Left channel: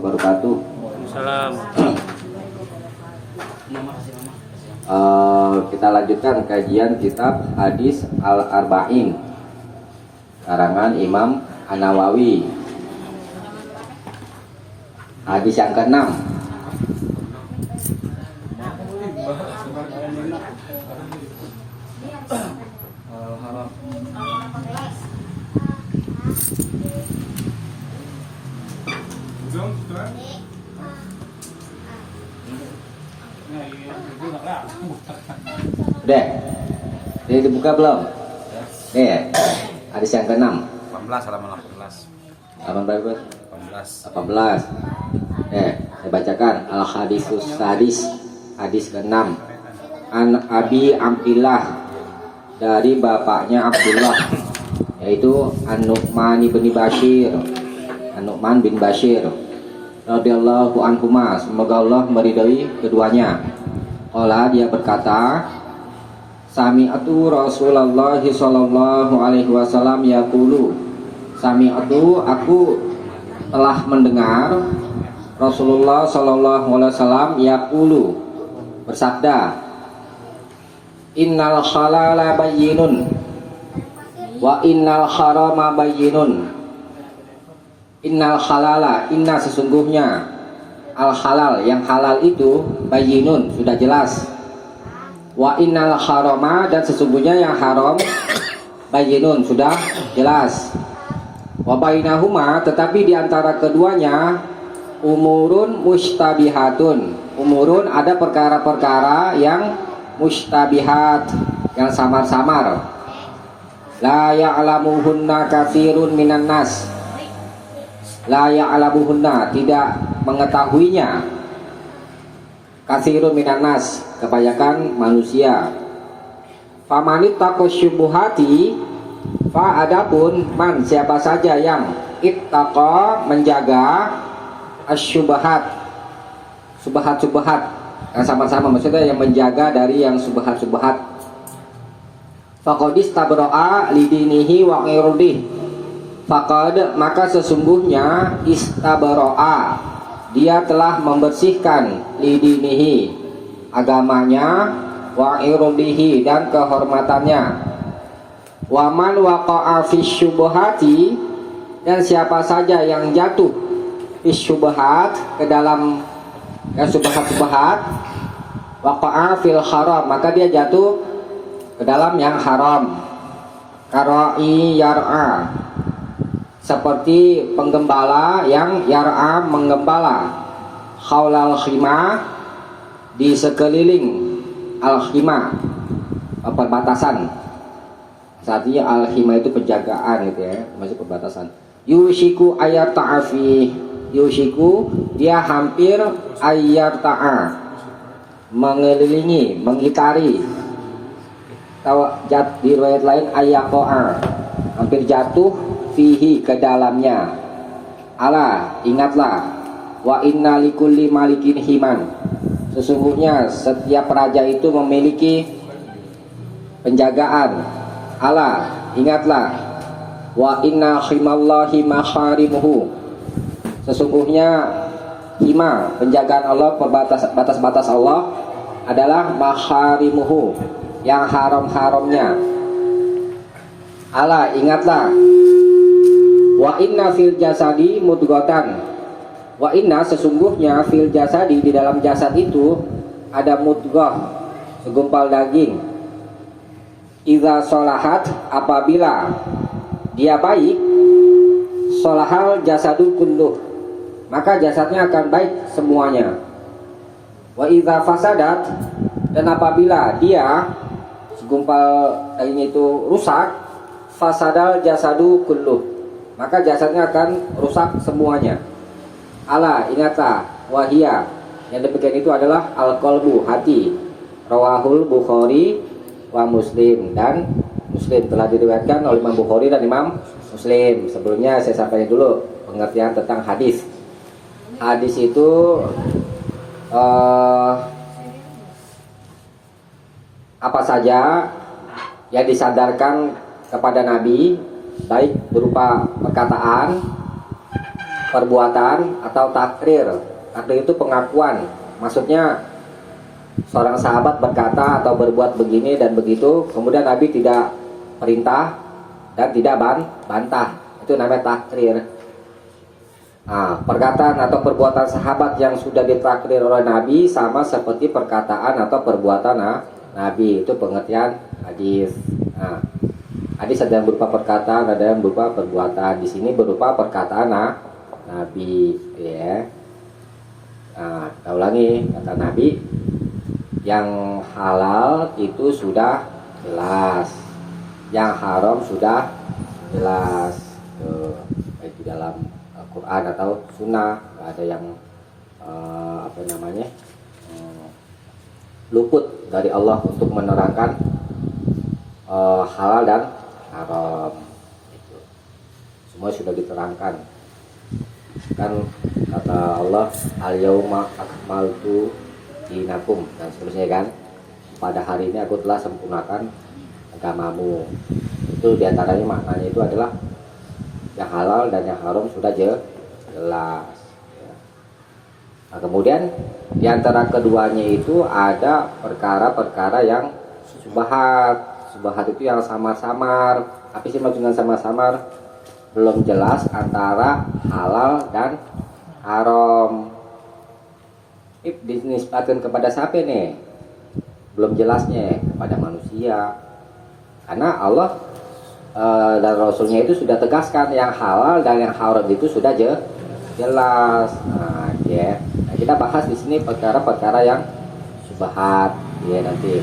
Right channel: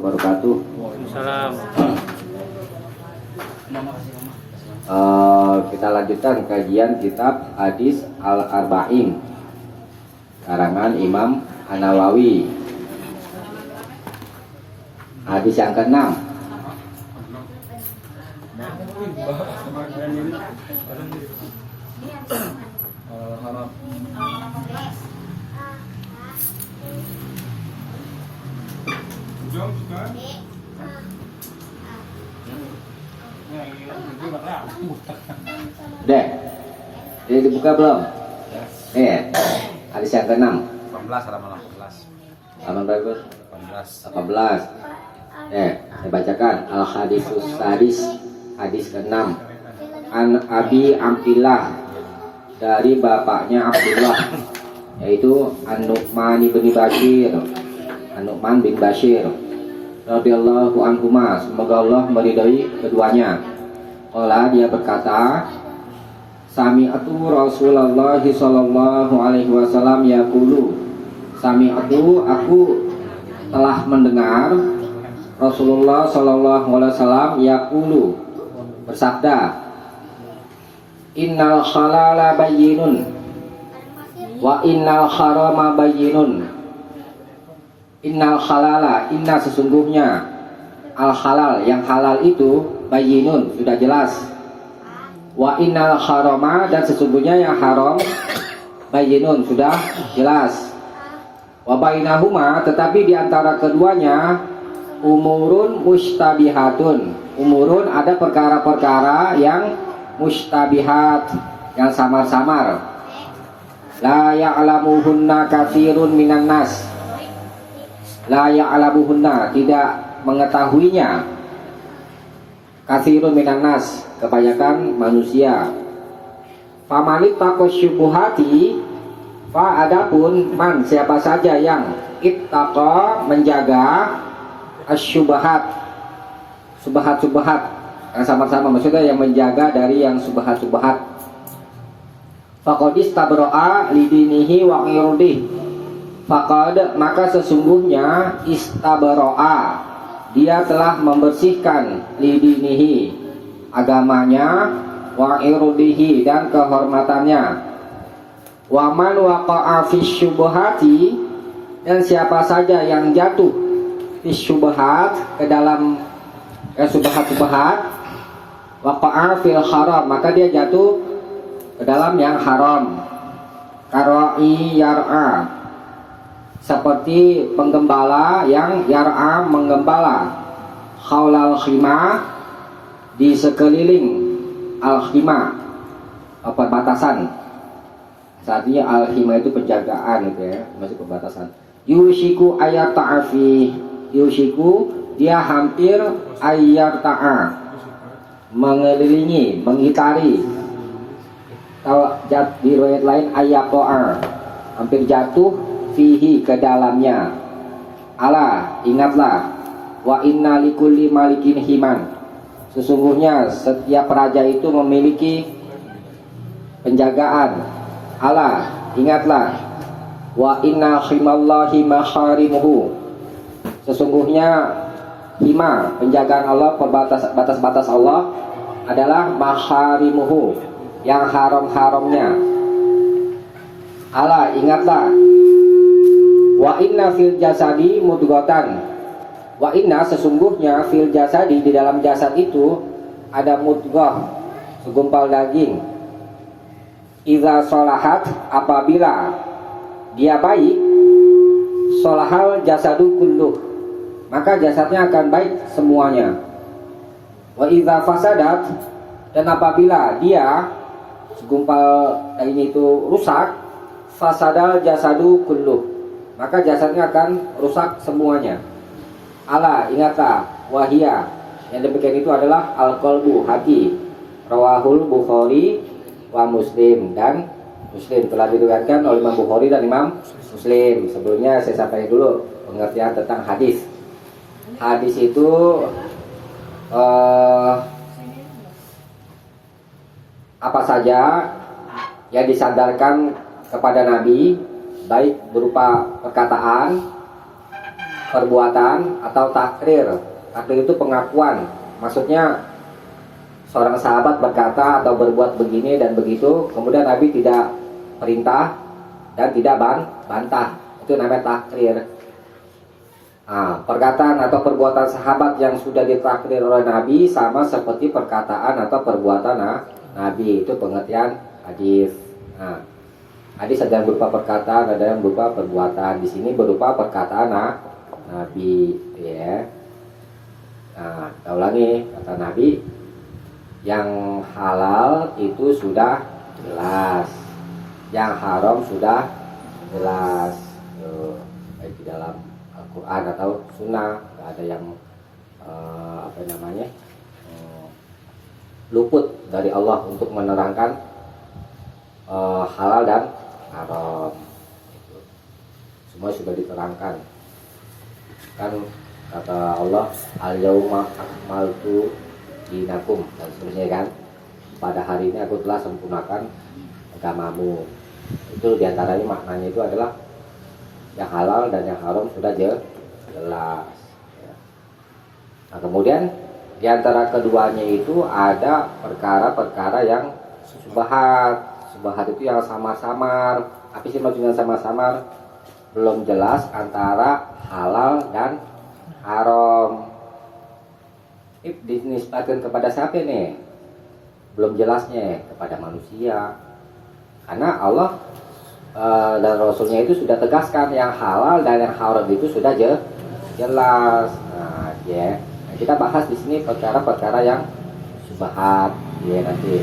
Wabarakatuh. Salam. Kita lanjutkan kajian kitab Hadis Al-Arba'in karangan Imam An-Nawawi. Hadis yang ke-6. Udah, ini dibuka belum? Hadis yang ke-6. 18. Saya bacakan Al-Hadisus Sadis, hadis ke-6. An Abi Abdillah, dari bapaknya Abdullah, yaitu An-Nu'man bin Bashir radhiyallahu anhuma, semoga Allah meridai keduanya. Qala, dia berkata, sami'atu Rasulullah sallallahu alaihi wasallam yaqulu, sami'atu, aku telah mendengar Rasulullah sallallahu alaihi wasallam yaqulu, bersabda, innal halala bayyinun wa innal harama bayyinun. Innal halala, inna sesungguhnya, al halal, yang halal itu, bayyinun, sudah jelas. Wa innal harama, dan sesungguhnya yang haram, bayyinun, sudah jelas. Wa bainahuma, tetapi diantara keduanya, umurun mustabihatun. Umurun, ada perkara-perkara yang mustabihat, yang samar-samar. La ya'lamuhunna katsirun minan nas. La ya'lamuhunna, tidak mengetahuinya, katsirun minan nas, kebanyakan manusia. Famanit takosyubuhati, fa, adapun man, siapa saja yang ittaqa, menjaga asyubahat, subhat-subhat, yang sama-sama, maksudnya yang menjaga dari yang subhat-subhat. Faqadis tabro'a lidinihi wa irdihi. Faqad, maka sesungguhnya, istabro'a, dia telah membersihkan, lidinihi, agamanya, wa irdihi, dan kehormatannya. Wa man waqa'a fisyubuhati, dan siapa saja yang jatuh fisyubuhat, ke dalam subhat-subhat, waqa'a fil haram, maka dia jatuh ke dalam yang haram. Karai yar'a, seperti penggembala yang yar'a, menggembala, khaulal khimah, di sekeliling al-khimah, perbatasan. Artinya al-khimah itu penjagaan gitu ya, masih perbatasan. Yushiku ayat ta'afi, yushiku, dia hampir ayat ta'a, mengelilingi, mengitari. Di riwayat lain ayat ta'a, hampir jatuh, fihi, ke dalamnya. Ala, ingatlah, wa inna likulli malikin himan, sesungguhnya setiap raja itu memiliki penjagaan. Ala, ingatlah, wa inna himallahi maharimuhu, sesungguhnya hima, penjagaan Allah, batas-batas Allah adalah maharimuhu, yang haram-haramnya. Ala, ingatlah, wa inna fil jasadi mudghatan, wa inna, sesungguhnya, fil jasadi, di dalam jasad itu ada mudghah, segumpal daging. Idza sholahat, apabila dia baik, sholahal jasadu kulluh, maka jasadnya akan baik semuanya. Wa idza fasadat, dan apabila dia, segumpal daging itu, rusak, fasadal jasadu kulluh, maka jasadnya akan rusak semuanya. Ala, ingatlah, wahia, yang demikian itu adalah al-qalbu, hati. Rawahul Bukhari wa Muslim, dan Muslim, telah diriwayatkan oleh Imam Bukhari dan Imam Muslim. Sebelumnya saya sampaikan dulu pengertian tentang hadis. Hadis itu apa saja yang disandarkan kepada Nabi, baik berupa perkataan perbuatan atau takrir. Takrir itu pengakuan. Maksudnya seorang sahabat berkata atau berbuat begini dan begitu, kemudian Nabi tidak perintah dan tidak bantah. Itu namanya takrir. Nah, perkataan atau perbuatan sahabat yang sudah ditakdir oleh Nabi sama seperti perkataan atau perbuatan Nabi. Itu pengertian hadis. Nah, hadis ada yang berupa perkataan, ada yang berupa perbuatan. Di sini berupa perkataan Nabi, ya. Nah, kita ulangi kata Nabi, yang halal itu sudah jelas, yang haram sudah jelas. Baik di dalam Al-Quran atau Sunnah, nggak ada yang luput dari Allah untuk menerangkan halal dan haram. Itu semua sudah diterangkan. Kan kata Allah, al-yauma akmaltu dinakum dan seterusnya kan. Pada hari ini aku telah sempurnakan agamamu. Itu diantaranya maknanya itu adalah yang halal dan yang haram sudah jelas. Ya. Nah, kemudian diantara keduanya itu ada perkara-perkara yang subhat. Subhat itu yang samar-samar. Apa sih maksudnya samar-samar? Belum jelas antara halal dan haram. Ini dinisbatkan kepada siapa nih? Belum jelasnya kepada manusia. Karena Allah dan Rasulnya itu sudah tegaskan yang halal dan yang haram itu sudah jelas. Nah, ya. Nah, kita bahas di sini perkara-perkara yang subhat, ya nanti.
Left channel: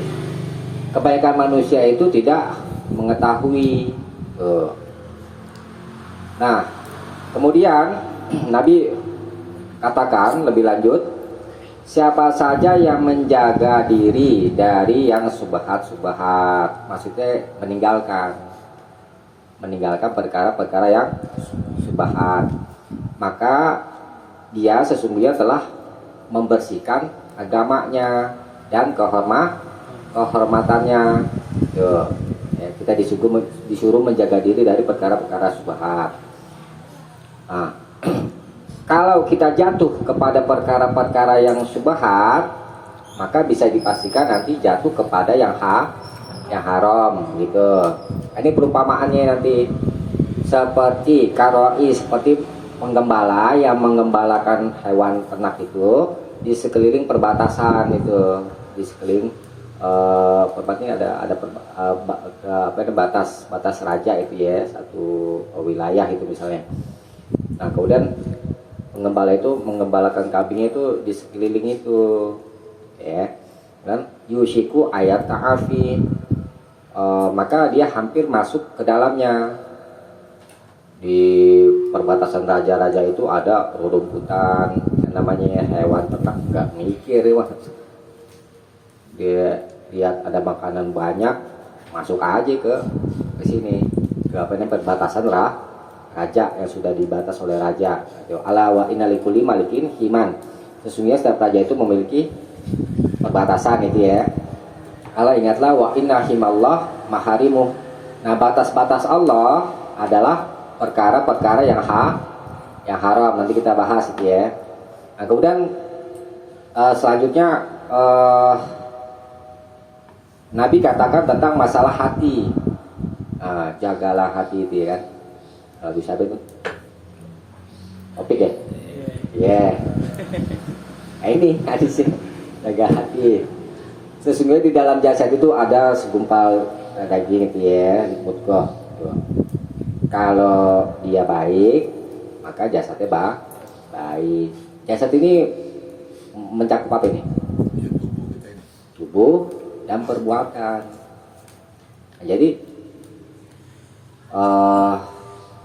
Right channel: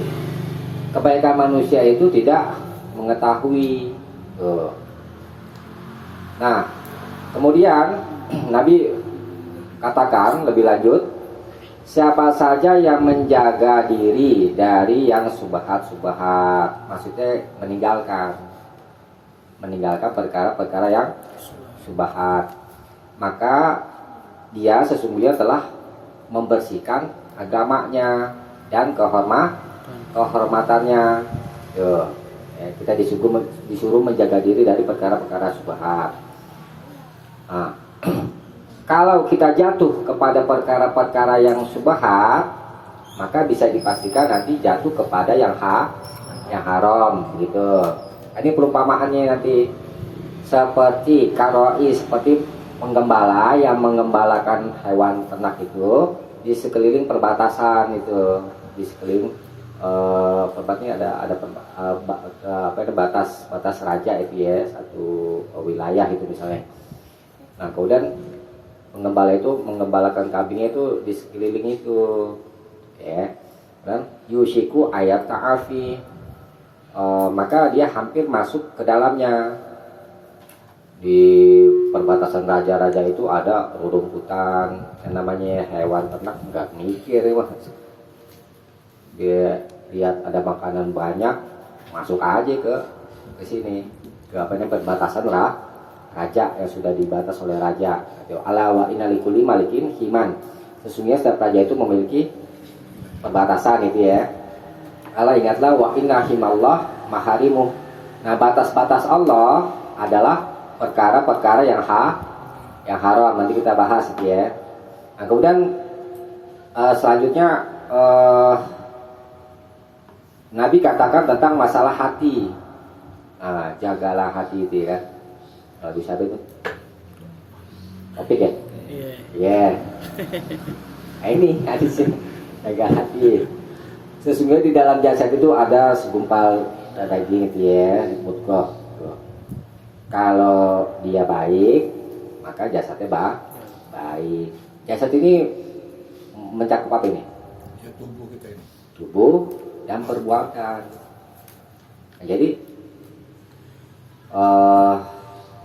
Kebaikan manusia itu tidak mengetahui. Nah, kemudian Nabi katakan lebih lanjut, siapa saja yang menjaga diri dari yang subhat-subhat, maksudnya meninggalkan perkara-perkara yang subhat, maka dia sesungguhnya telah membersihkan agamanya dan kehormatannya. Kita disuruh menjaga diri dari perkara-perkara subhat. Nah, kalau kita jatuh kepada perkara-perkara yang subhat, maka bisa dipastikan nanti jatuh kepada yang haram gitu. Ini perumpamaannya nanti seperti karoi, seperti penggembala yang menggembalakan hewan ternak itu di sekeliling perbatasan itu, di sekeliling tempatnya ada batas raja itu ya, satu wilayah itu misalnya. Nah, kemudian penggembala itu menggembalakan kambingnya itu di sekeliling itu, ya. Dan yushiku ayat ta'afi, maka dia hampir masuk ke dalamnya. Di perbatasan raja-raja itu ada rumputan yang namanya hewan ternak, nggak mikir ya, dia lihat ada makanan banyak, masuk aja ke sini, ke perbatasan raja yang sudah dibatas oleh raja. Ala wa inna likulli malikin himan, sesungguhnya setiap raja itu memiliki perbatasan itu ya. Ala ingatlah wa inna himallah maharimu. Nah, batas-batas Allah adalah perkara-perkara yang haram. Nanti kita bahas itu ya. Nah, kemudian selanjutnya Nabi katakan tentang masalah hati. Nah, jagalah hati itu ya kan. Bisa itu topik ya. Yeah. Nah, ini hadisnya, jaga hati. Sesungguhnya di dalam jasad itu ada segumpal daging itu ya, mudghah. Kalau dia baik, maka jasadnya baik. Jasad ini mencakup apa ini? Ya, tubuh kita ini. Tubuh dan perbuatan. Nah, jadi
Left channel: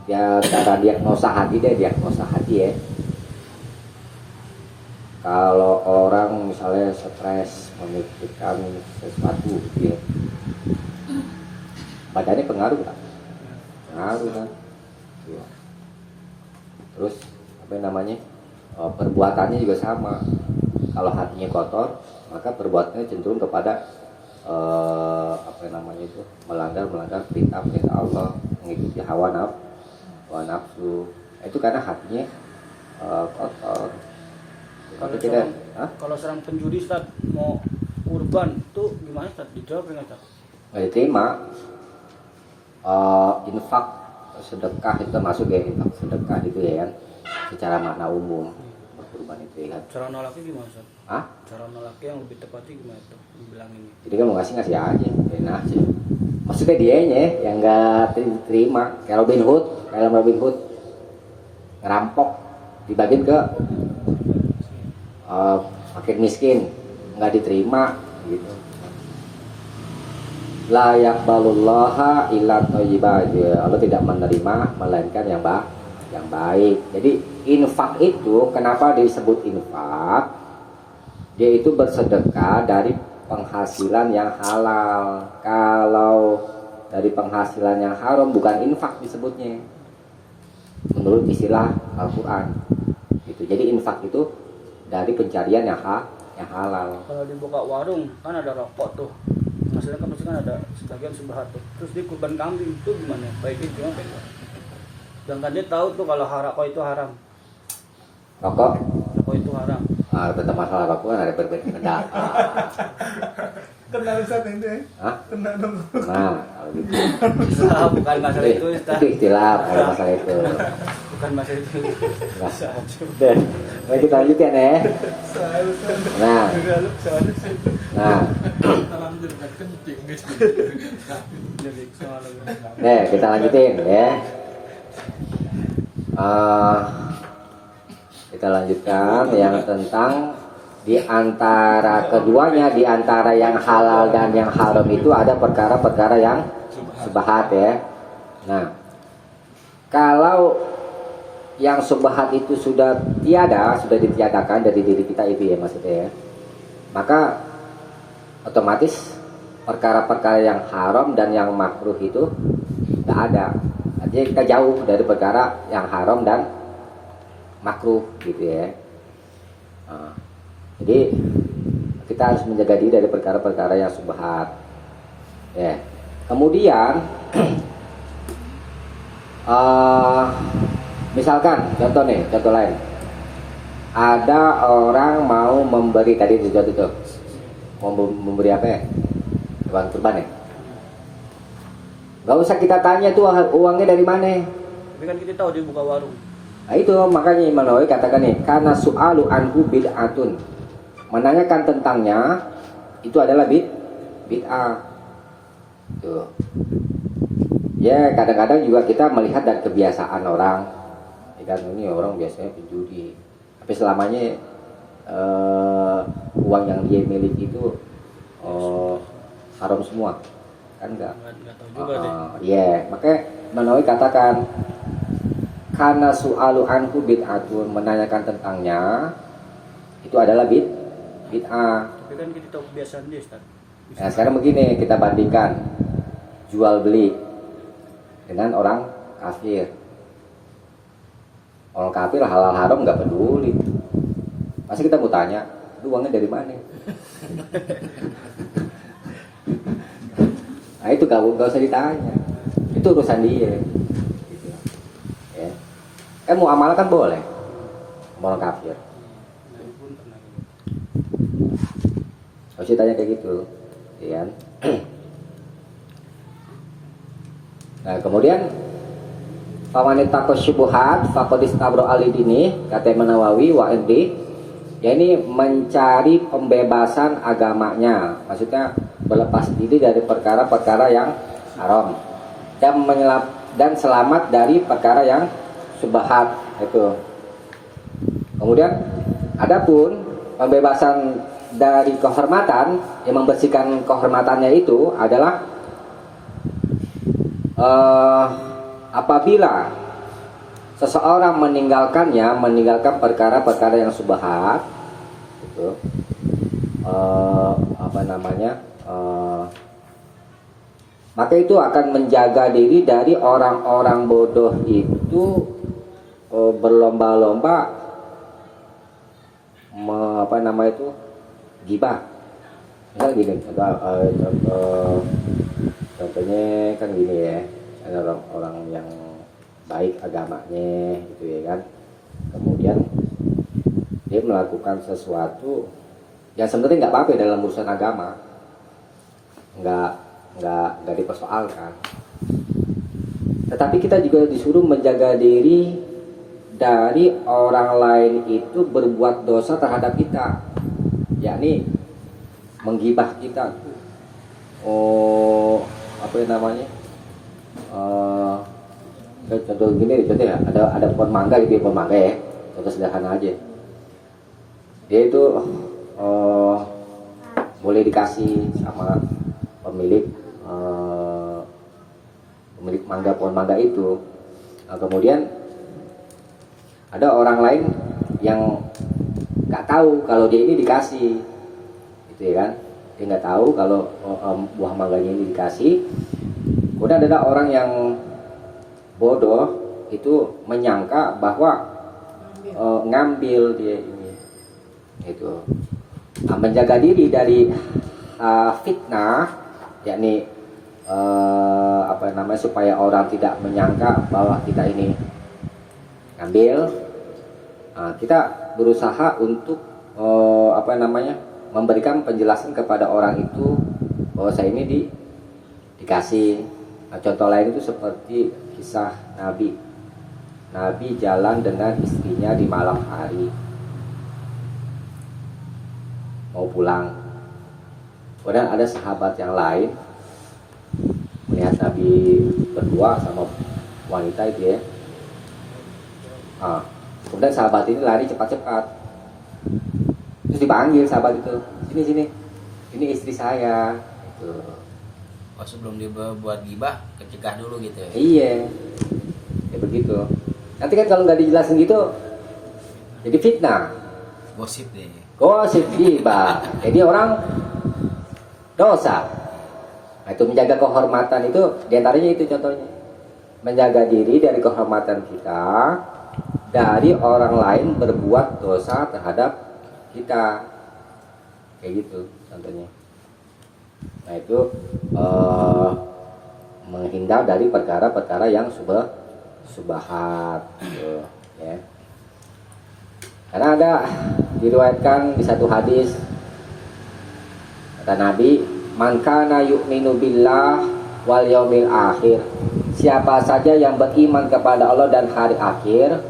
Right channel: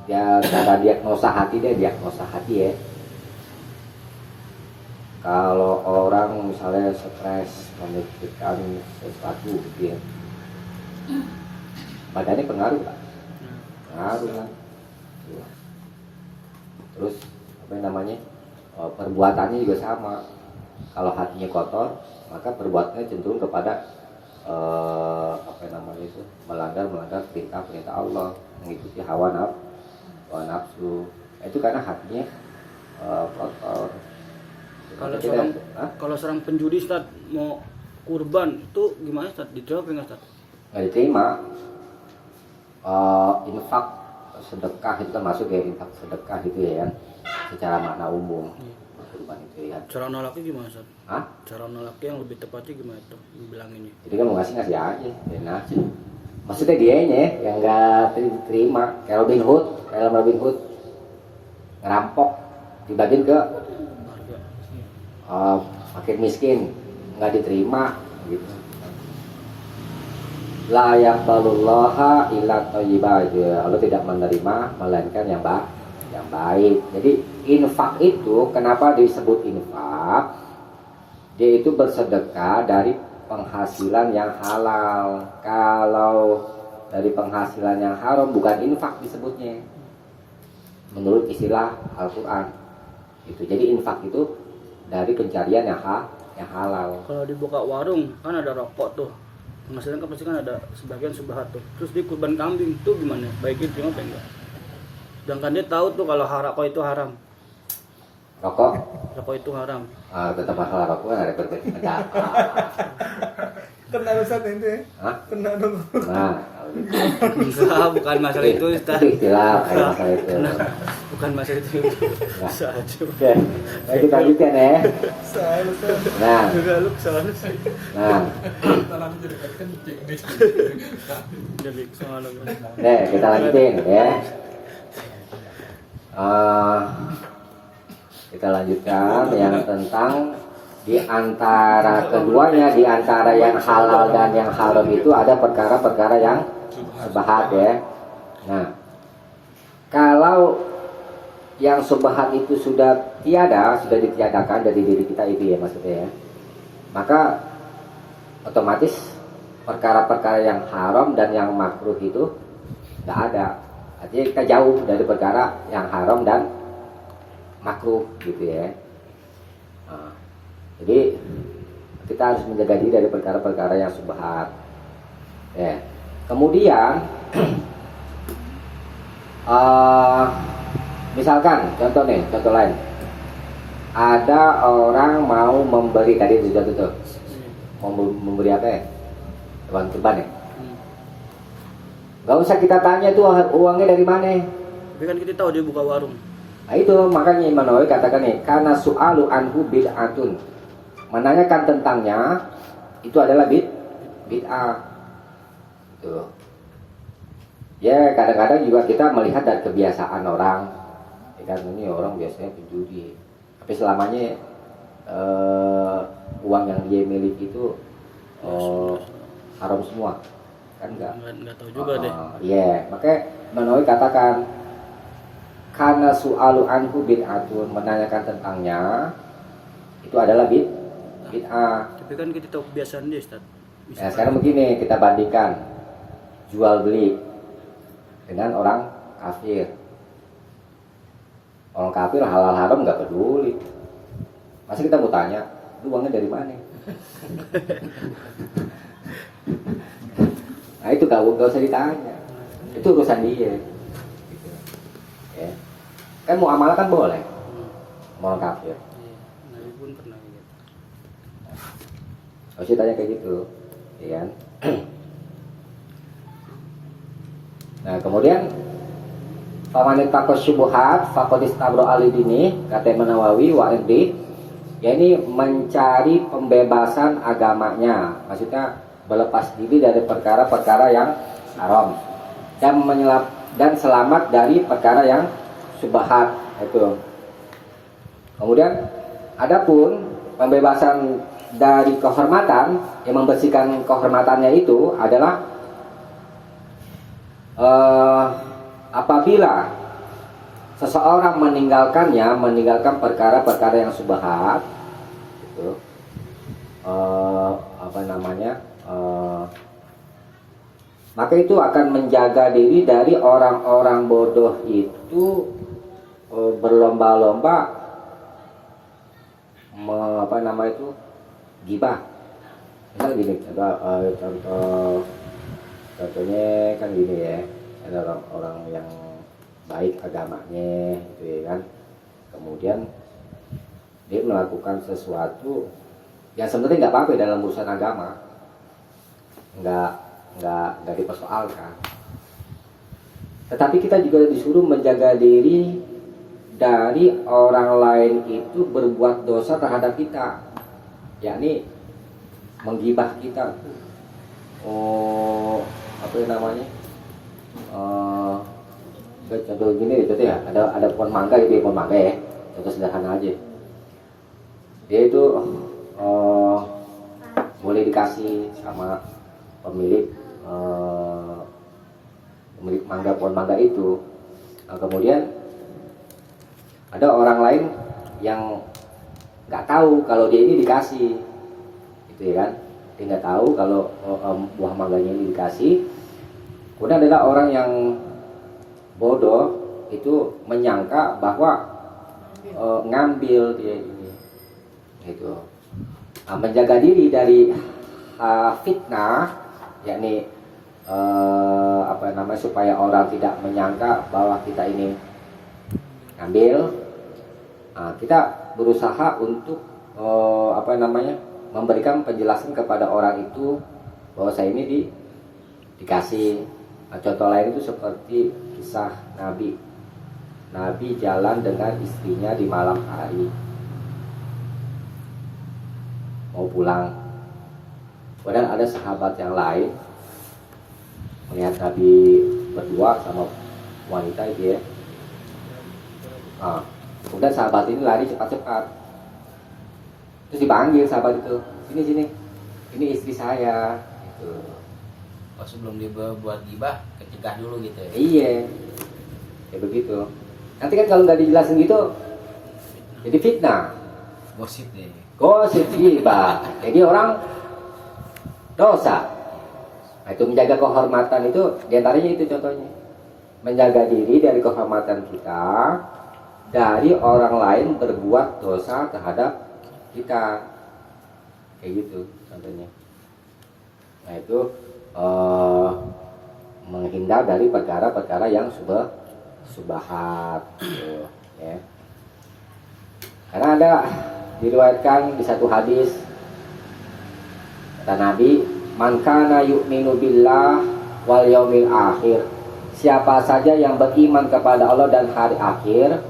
dia cara diagnosa hati ya. Kalau orang misalnya stres memikirkan sesuatu gitu ya, badannya pengaruh kan? Terus apa namanya, perbuatannya juga sama. Kalau hatinya kotor, maka perbuatannya cenderung kepada melanggar perintah Allah, mengikuti hawa nafsu. Itu karena hatinya kotor. Kalau Tidak, kalau seorang penjudi Ustaz mau kurban tuh gimana Ustaz? Dijawab enggak Ustaz? nggak diterima. Infak sedekah itu masuk ya, infak sedekah itu ya kan, secara makna umum kurban itu ya kan. Cara nolaknya gimana Ustaz? Hah? Cara nolaknya yang lebih tepatnya gimana tuh? Bilang ini. Jadi kan mau ngasih aja, biarin aja. Maksudnya dianya yang nggak terima, kayak Robin Hood, ngerampok, dibagiin ke fakir miskin, nggak diterima gitu. La yaqbalullaha illa thayyiba, Allah tidak menerima melainkan yang baik. Jadi infak itu kenapa disebut infak? Dia itu bersedekah dari penghasilan yang halal. Kalau dari penghasilan yang haram bukan infak disebutnya, menurut istilah Al-Quran itu. Jadi infak itu dari pencarian yang halal. Kalau dibuka warung kan ada rokok tuh, penghasilan kan pasti kan ada sebagian subhat tuh. Terus di kurban kambing tuh gimana? Baiknya gimana enggak? Sedangkan dia tahu tuh kalau rokok itu haram. Rokok Itu haram. tentang masalah rokok kan ada berbeda pendapat. Kena Ustaz itu ya? Hah? Kena dong. Nah, kalau gitu. Bukan masalah itu Ustaz. Itu istilah kayak masalah itu. Bukan masalah itu. Nah, Bisa aja. oke. Mari kita lanjutkan ya. Saya Ustaz. Nah, Juga lu soalnya sih. nah, Salam juga kan tinggi. Jadi kemana? kita lanjutin ya. Kita lanjutkan yang tentang di antara keduanya, di antara yang halal dan yang haram itu ada perkara-perkara yang subhat ya. Nah, kalau yang subhat itu sudah ditiadakan dari diri kita itu ya maksudnya ya, maka otomatis perkara-perkara yang haram dan yang makruh itu tidak ada. Artinya kita jauh dari perkara yang haram dan makruh gitu ya. Jadi kita harus menjaga diri dari perkara-perkara yang subhat. Ya. Kemudian misalkan contoh lain, ada orang mau memberi tadi sudah tuh mau memberi apa ya, hewan kurban ya. Gak usah kita tanya tuh uangnya dari mana. Tapi kan kita tahu dia buka warung. Nah itu makanya Imam Nawawi katakan nih, karena su'alu anhu bid'atun, menanyakan tentangnya itu adalah bid'ah. Tuh. Ya kadang-kadang juga kita melihat dari kebiasaan orang. Ya kan ini orang biasanya penjudi. Tapi selamanya uang yang dia miliki itu haram semua. Kan enggak tahu juga deh. Iya, makanya Imam Nawawi katakan karena su'alu anhu bid'atun, menanyakan tentangnya itu adalah bid'ah. Tapi kan kita tahu kebiasaan dia Ustaz. Nah, sekarang begini, kita bandingkan jual beli dengan orang kafir. Orang kafir halal haram nggak peduli. Pasti kita mau tanya, itu uangnya dari mana? Nah itu gak usah ditanya, itu urusan dia. Gitu. Ya. Kan muamalah kan boleh, sama orang kafir. Nah, pun pernah gitu. Harus ditanya kayak gitu, ya kan? Nah kemudian wanita kesyubuhat fakodis tabro alidini kata Nawawi wa indi, ya ini mencari pembebasan agamanya, maksudnya berlepas diri dari perkara-perkara yang haram dan selamat dari perkara yang subhat itu. Kemudian adapun pembebasan dari kehormatan, yang membersihkan kehormatannya itu adalah apabila seseorang meninggalkan perkara-perkara yang subhat itu maka itu akan menjaga diri dari orang-orang bodoh itu berlomba-lomba gibah. Misalnya gini, contohnya kan gini ya, ada orang-orang yang baik agamanya gitu ya kan, kemudian dia melakukan sesuatu yang sebenarnya nggak apa-apa dalam urusan agama, nggak dipersoalkan. Tetapi kita juga disuruh menjaga diri dari orang lain itu berbuat dosa terhadap kita, yakni menggibah kita. Apa namanya? Contoh gini, contoh ya, ada pohon mangga gitu, pohon mangga ya, contoh sederhana aja. Dia itu boleh dikasih sama pemilik mangga, pohon mangga itu. Nah, kemudian ada orang lain yang nggak tahu kalau dia ini dikasih, gitu ya kan? Dia nggak tahu kalau buah mangganya ini dikasih. Kemudian ada orang yang bodoh itu menyangka bahwa ngambil dia ini, gitu. Nah, menjaga diri dari fitnah, yakni supaya orang tidak menyangka bahwa kita ini ngambil. Kita berusaha untuk memberikan penjelasan kepada orang itu bahwa saya ini dikasih. Nah, contoh lain itu seperti kisah Nabi jalan dengan istrinya di malam hari mau pulang. Kemudian ada sahabat yang lain melihat Nabi berdua sama wanita itu ya. Kemudian sahabat ini lari cepat-cepat, terus dipanggil sahabat itu, sini, ini istri saya. Gitu. Oh, sebelum dia buat gibah, kecegah dulu gitu ya? Iya, ya begitu. Nanti kan kalau nggak dijelasin gitu, jadi fitnah. Gosip deh. Gosip gibah. Jadi orang dosa. Nah, itu menjaga kehormatan itu, diantaranya itu contohnya. Menjaga diri dari kehormatan kita, dari orang lain berbuat dosa terhadap kita. Kayak gitu contohnya. Nah, itu menghindar dari perkara-perkara yang subahat gitu, ya. Karena ada diriwayatkan di satu hadis, kata Nabi, man kana yu'minu billah wal yaumil akhir, siapa saja yang beriman kepada Allah dan hari akhir,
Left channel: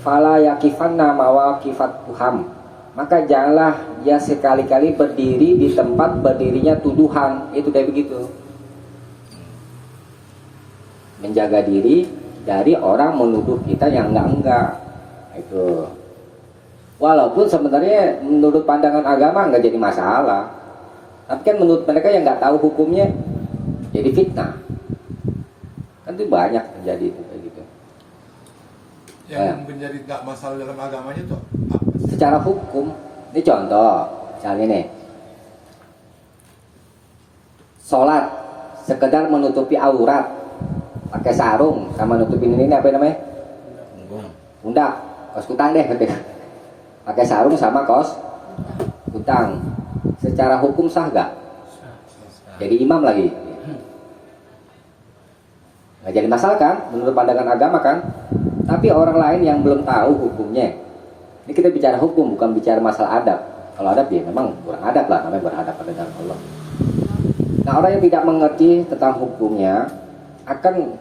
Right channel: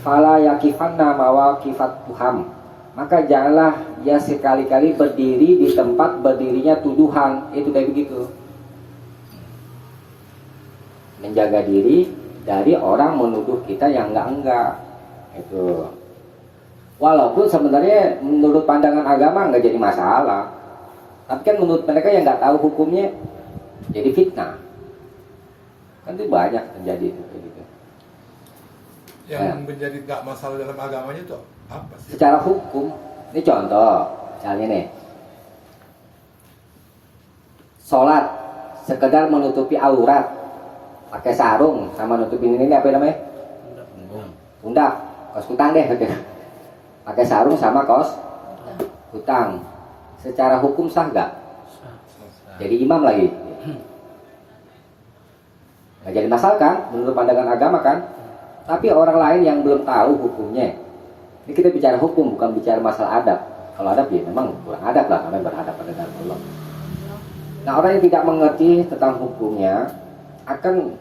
fala yakifanna mawaqifat tuham, maka janganlah dia sekali-kali berdiri di tempat berdirinya tuduhan. Itu kayak begitu. Menjaga diri dari orang menuduh kita yang enggak. Itu. Walaupun sebenarnya menurut pandangan agama enggak jadi masalah. Tapi kan menurut mereka yang enggak tahu hukumnya jadi fitnah. Kan itu banyak terjadi itu kayak gitu. Yang menjadi tak masalah dalam agamanya itu apa sih? Secara hukum, ini contoh, misalnya nih, sholat sekedar menutupi aurat, pakai sarung sama nutupin ini apa namanya? Pundak, kos kutang deh, pakai sarung sama kos kutang. Secara hukum sah gak? Jadi imam lagi, nggak jadi masalah kan? Menurut pandangan agama kan? Tapi orang lain yang belum tahu hukumnya, ini kita bicara hukum, bukan bicara masalah adab. Kalau adab ya memang kurang adab lah, namanya beradab pada dalam Allah. Nah, orang yang tidak mengerti tentang hukumnya akan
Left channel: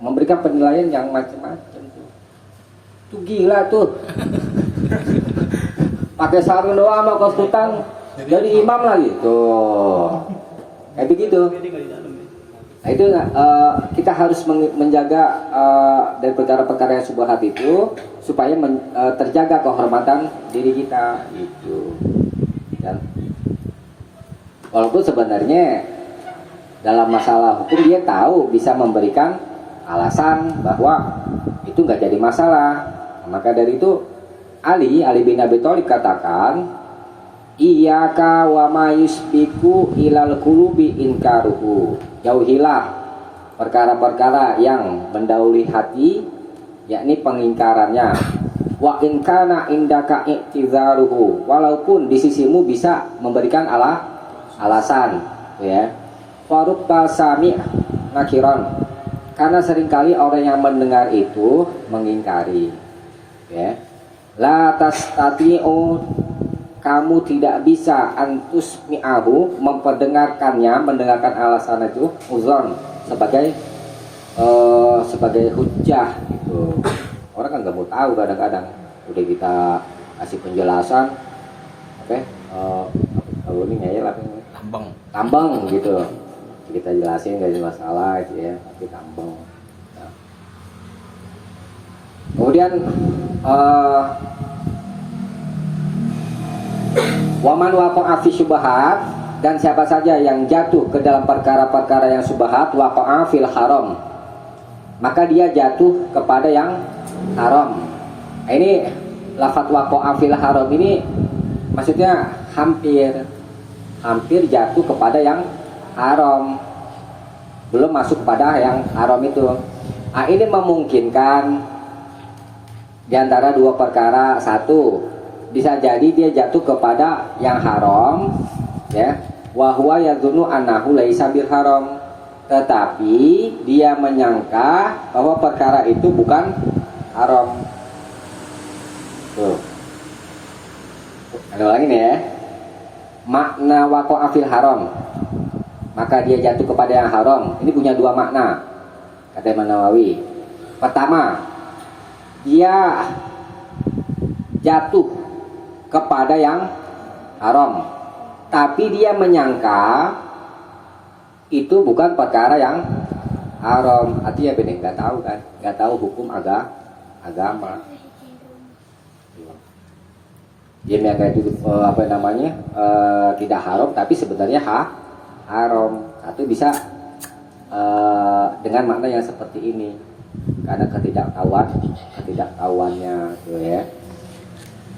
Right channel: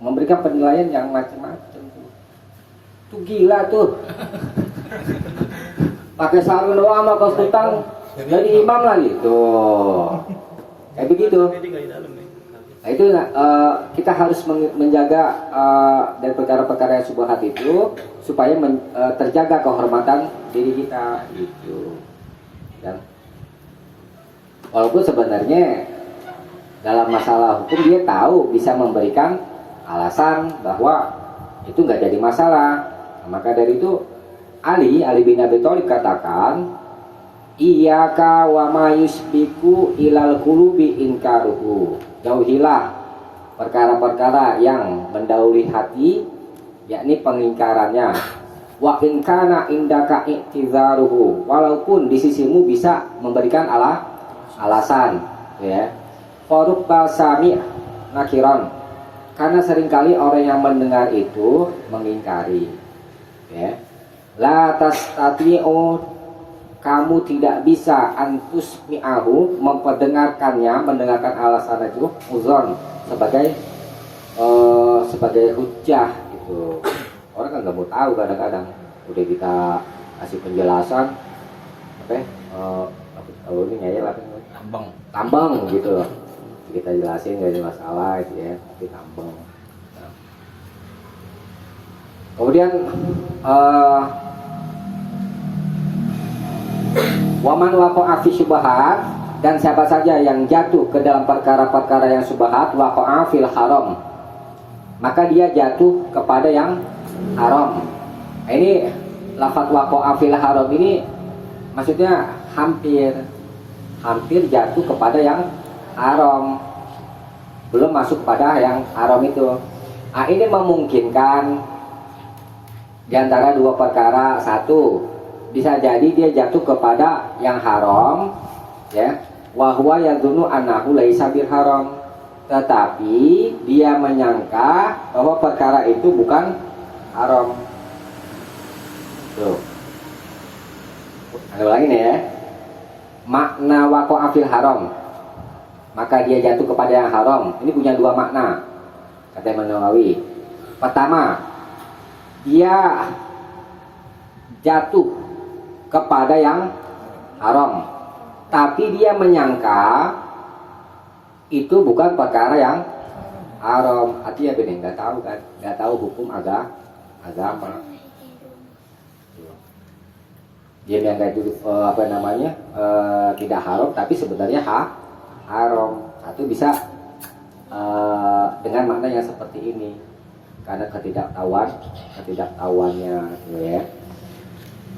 memberikan penilaian yang macam-macam tuh. Tuh gila tuh. Pakai sarung doang sama kos kutang jadi imam lagi tuh. Kayak begitu. Nah, itu kita harus menjaga dari perkara-perkara yang subhat itu supaya terjaga kehormatan diri kita gitu. Dan walaupun sebenarnya dalam masalah hukum dia tahu bisa memberikan alasan bahwa itu nggak jadi masalah. Nah, maka dari itu Ali bin Abi Thalib katakan, iyyaka wa ma yusbiku ilal qulubi inkaruhu. Jauhilah perkara-perkara yang mendahului hati, yakni pengingkarannya. Wa in kana indaka i'tizaruhu, walaupun di sisimu bisa memberikan alasan, ya. Farubba sami' nakiron, karena seringkali orang yang mendengar itu mengingkari, ya. La tastati'u, kamu tidak bisa antus mi'ahu, mendengarkan alasan itu uzon sebagai hujjah gitu. Orang kan nggak mau tahu kadang-kadang udah kita kasih penjelasan kalau ini ngeyel apa ini? Tambang gitu, kita jelasin nggak ada masalah gitu ya, tapi tambang. Nah. Kemudian waman waqa'a fi syubhat, dan siapa saja yang jatuh ke dalam perkara-perkara yang syubhat, waqa'a fil haram, maka dia jatuh kepada yang haram. Ini lafaz waqa'a fil haram ini maksudnya hampir jatuh kepada yang haram, belum masuk kepada yang haram itu. Nah, ini memungkinkan di antara dua perkara. Satu, bisa jadi dia jatuh kepada yang haram, ya, wa huwa yadhunnu annahu laisa bil haram, tetapi dia menyangka bahwa perkara itu bukan haram. Tuh. Ada lagi nih ya. Makna waqa'a fil haram, maka dia jatuh kepada yang haram. Ini punya dua makna, kata Imam Nawawi. Pertama, dia jatuh kepada yang haram, tapi dia menyangka itu bukan perkara yang haram. Artinya benar, nggak tahu kan, nggak tahu hukum agama. Dia menyangka itu tidak haram, tapi sebenarnya haram. Satu bisa dengan makna yang seperti ini, karena ketidaktahuannya, ya.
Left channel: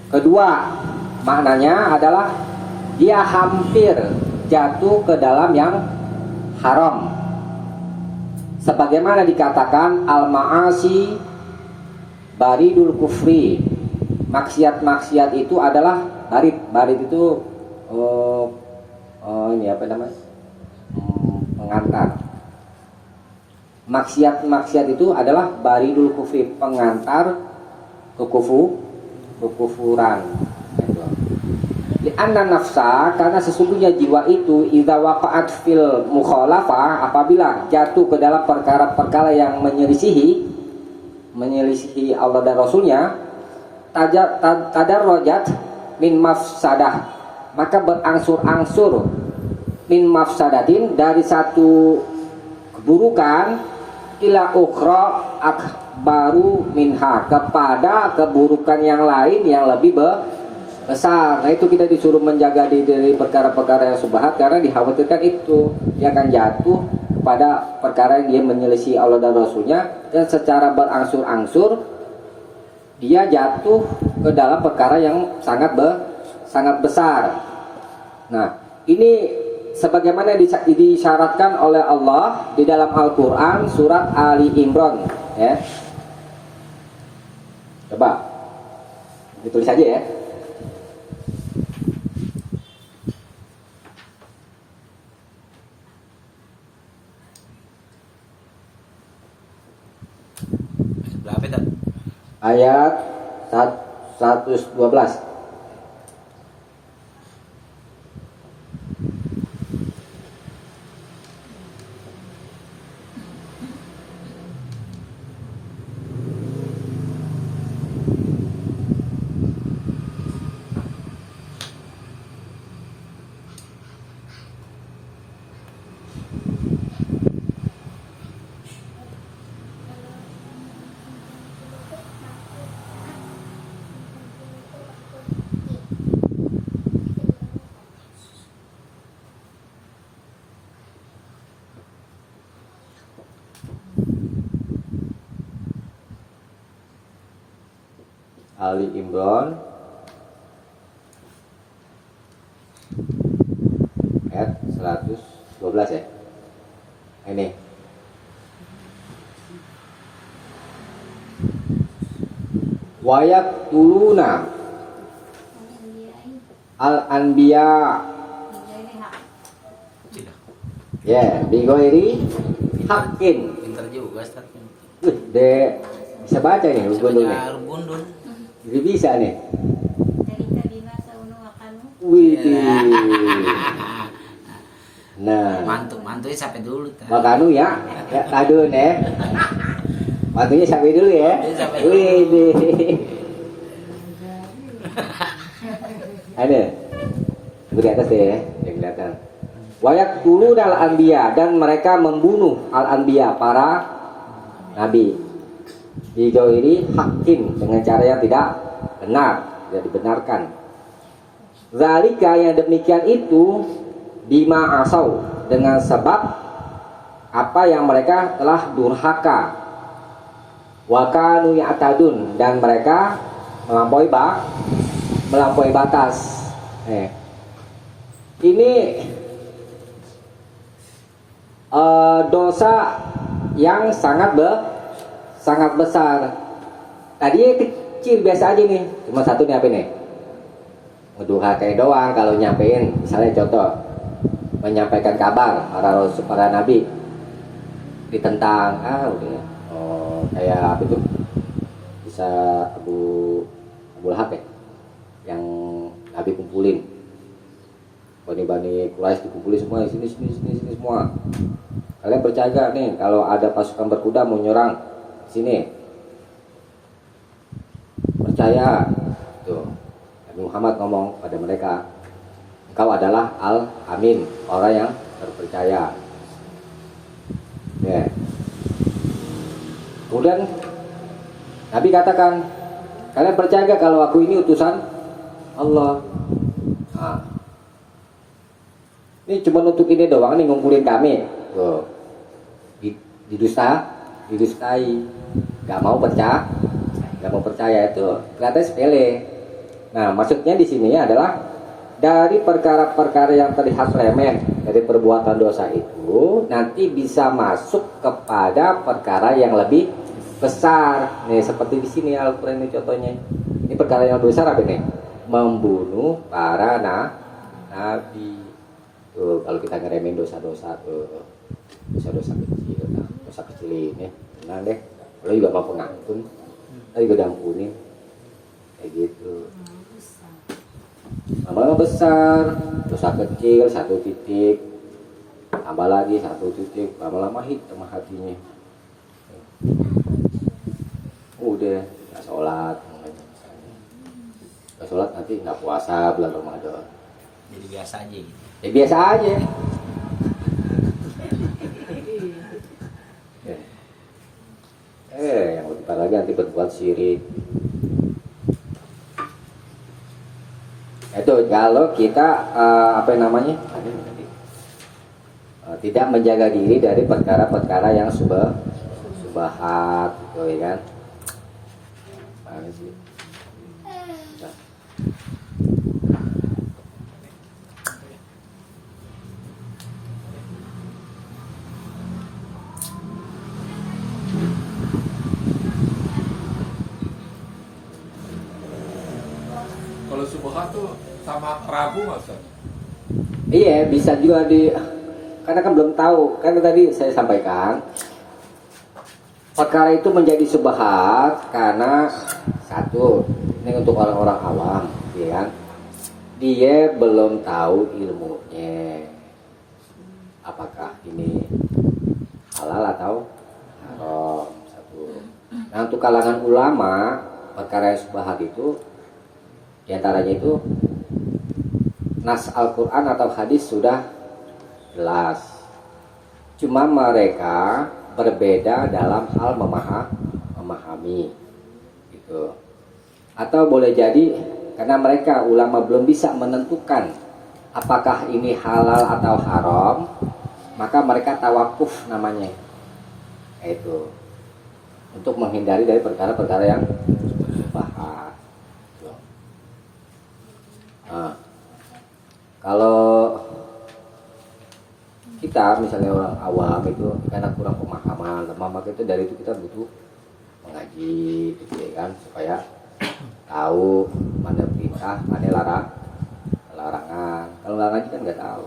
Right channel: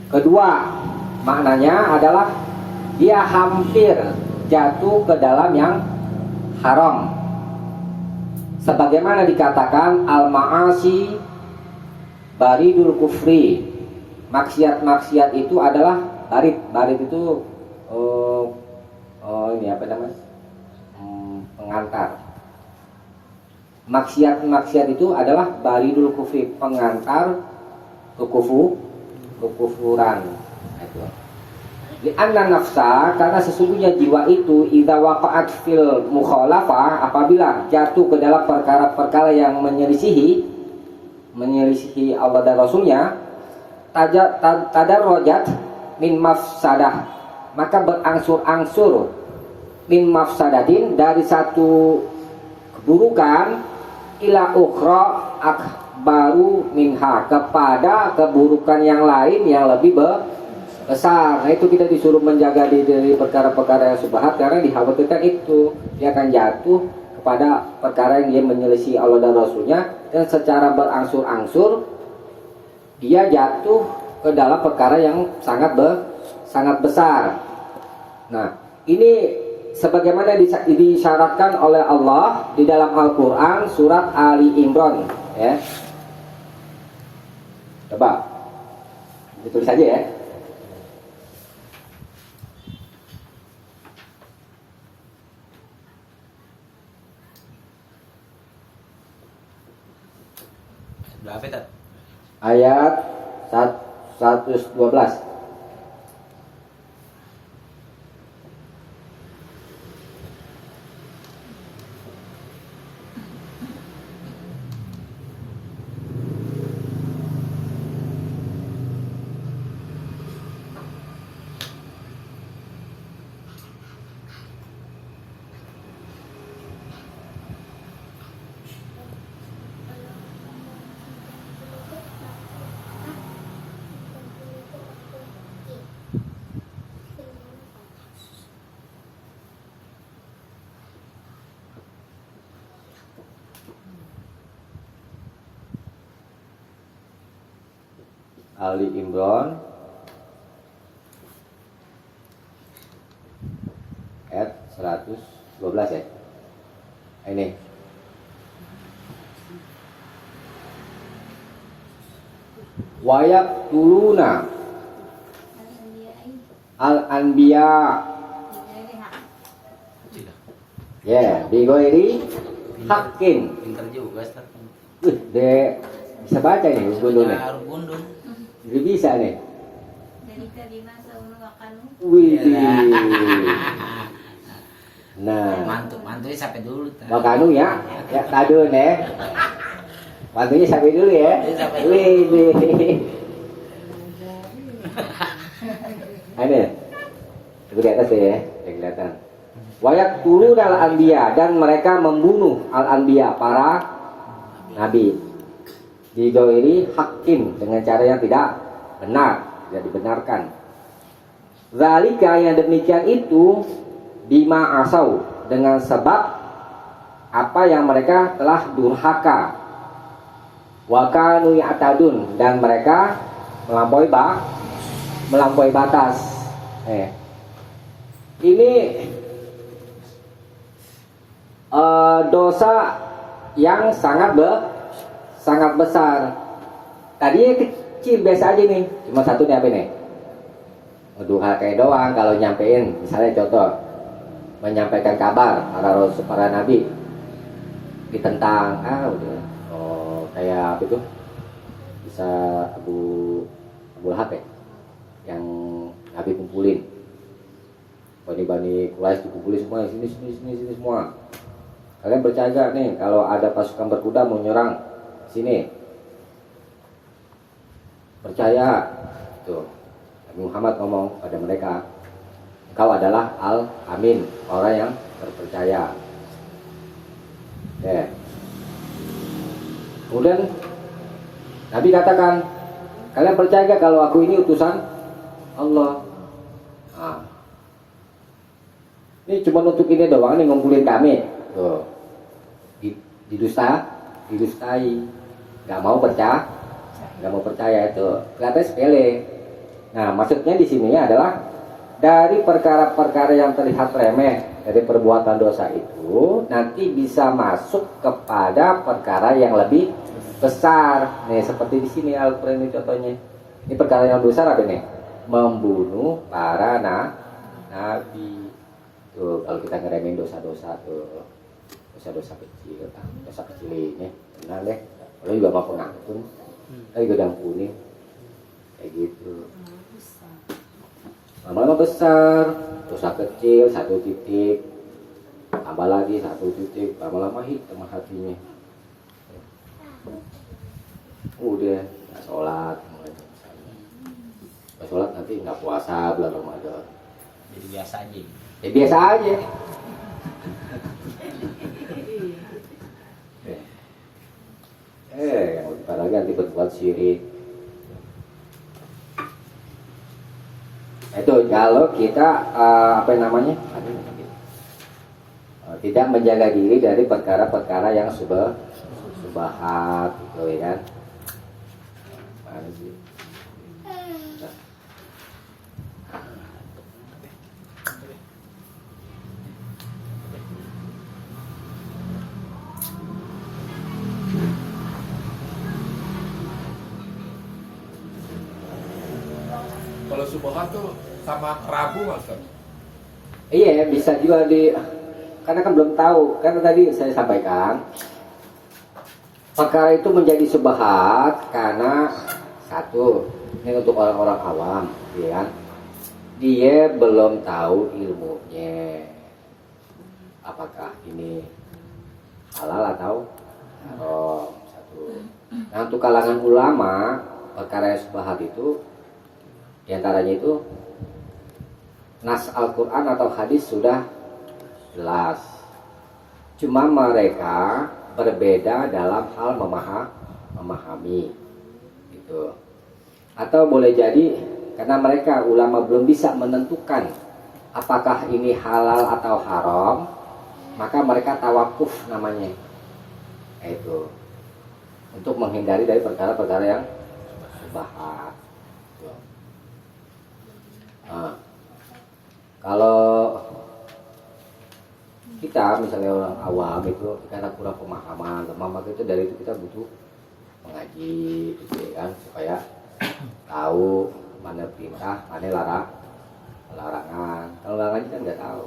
Kedua, maknanya adalah dia hampir jatuh ke dalam yang haram, sebagaimana dikatakan al-ma'asi baridul kufri. Maksiat-maksiat itu adalah barid itu ini apa namanya, pengantar. Maksiat itu adalah baridul kufri, pengantar kekufuran. Li'anna nafsa, karena sesungguhnya jiwa itu idza waqa'at fil mukhalafah, apabila jatuh ke dalam perkara-perkara yang menyelisihi Allah dan Rasulnya, tadarrajat min mafsadah, maka berangsur-angsur min mafsadatin, dari satu keburukan, ila ukhra akbaru minha, kepada keburukan yang lain yang lebih besar. Nah, itu kita disuruh menjaga diri dari perkara-perkara yang subhat, karena dikhawatirkan itu dia akan jatuh kepada perkara yang dia menyelisih Allah dan Rasulnya, dan secara berangsur-angsur dia jatuh ke dalam perkara yang sangat besar. Nah, ini sebagaimana disyaratkan oleh Allah di dalam Al-Quran surat Ali Imran, ya. Coba ditulis aja ya. Berapa kan? Ayat 112. Ali Imran ayat 112 ya. Ini wayak tuluna al-anbiya, ya, bigoiri hakim. Pintar juga Ustaz. Bisa baca nih gundulnya. Gundul. Jadi bisa nih. Jadi tadi masa unu akan Wih. Nah, Mantunya sampai dulu. makanu ya. Ya tadu nih. Waktunya sampai dulu ya. Sampai dulu. Wih. Ada. Itu di atas ya, yang kelihatan. Wayak dulu al anbiya, dan mereka membunuh al anbiya, para nabi. Didoiri hakim dengan cara yang tidak benar, tidak dibenarkan. Zalika, yang demikian itu, bima asau, dengan sebab apa yang mereka telah durhaka. Wa kanu ya'tadun, dan mereka melampaui batas. Ini dosa yang sangat besar. Tadinya kecil biasa aja nih, cuma satu nih apa nih? Ngedurhakai doang. Kalau nyampein, misalnya contoh menyampaikan kabar para nabi ditentang, udah kayak apa tuh, bisa Abu Lahab ya, yang nabi kumpulin Bani Quraisy, dikumpulin semua sini semua. Kalian percaya gak nih kalau ada pasukan berkuda mau nyerang sini? Percaya. Tuh, Nabi Muhammad ngomong pada mereka, engkau adalah Al-Amin, orang yang terpercaya. Kemudian Nabi katakan, kalian percaya gak kalau aku ini utusan Allah? Ini cuma untuk ini doang nih, ngumpulin kami. Tuh. Didustai. Gak mau percaya itu kelihatan sepele. Nah, maksudnya di sini adalah dari perkara-perkara yang terlihat remeh dari perbuatan dosa itu nanti bisa masuk kepada perkara yang lebih besar. Nih, seperti di sini Al-Qur'an ini contohnya. Ini perkara yang besar apa nih? Membunuh para nabi. Tuh, kalau kita ngeremehin dosa-dosa tuh, dosa-dosa kecil, dosa kecil ini, tenang deh. Kalau juga mau pengampun, kita juga dampunin, kayak gitu. Lama-lama besar, dosa kecil 1 titik, tambah lagi 1 titik, lama-lama hitam hatinya. Udah nggak sholat, nggak sholat nanti nggak puasa bulan Ramadan. Jadi biasa aja. Ya biasa aja. Yang lebih parah lagi nanti berbuat syirik. Itu kalau kita tidak menjaga diri dari perkara-perkara yang subahat, gitu ya kan? Mana sih? Kalau subhat tuh sama Rabu Mas kan? Iya, bisa juga karena kan belum tahu. Kan tadi saya sampaikan perkara itu menjadi subhat karena satu, ini untuk orang-orang awam, ya kan? Dia belum tahu ilmunya. Apakah ini halal atau haram, satu. Nah, untuk kalangan ulama, perkara yang subhat itu diantaranya itu nas Al-Quran atau hadis sudah jelas, cuma mereka berbeda dalam hal memahami gitu. Atau boleh jadi karena mereka ulama belum bisa menentukan apakah ini halal atau haram, maka mereka tawakuf namanya, itu untuk menghindari dari perkara-perkara yang subhat. Nah, kalau kita misalnya orang awam itu karena kurang pemahaman, maka itu dari itu kita butuh mengaji, gitu ya kan, supaya tahu mana perintah, mana larangan. Kalau larangan kita nggak tahu.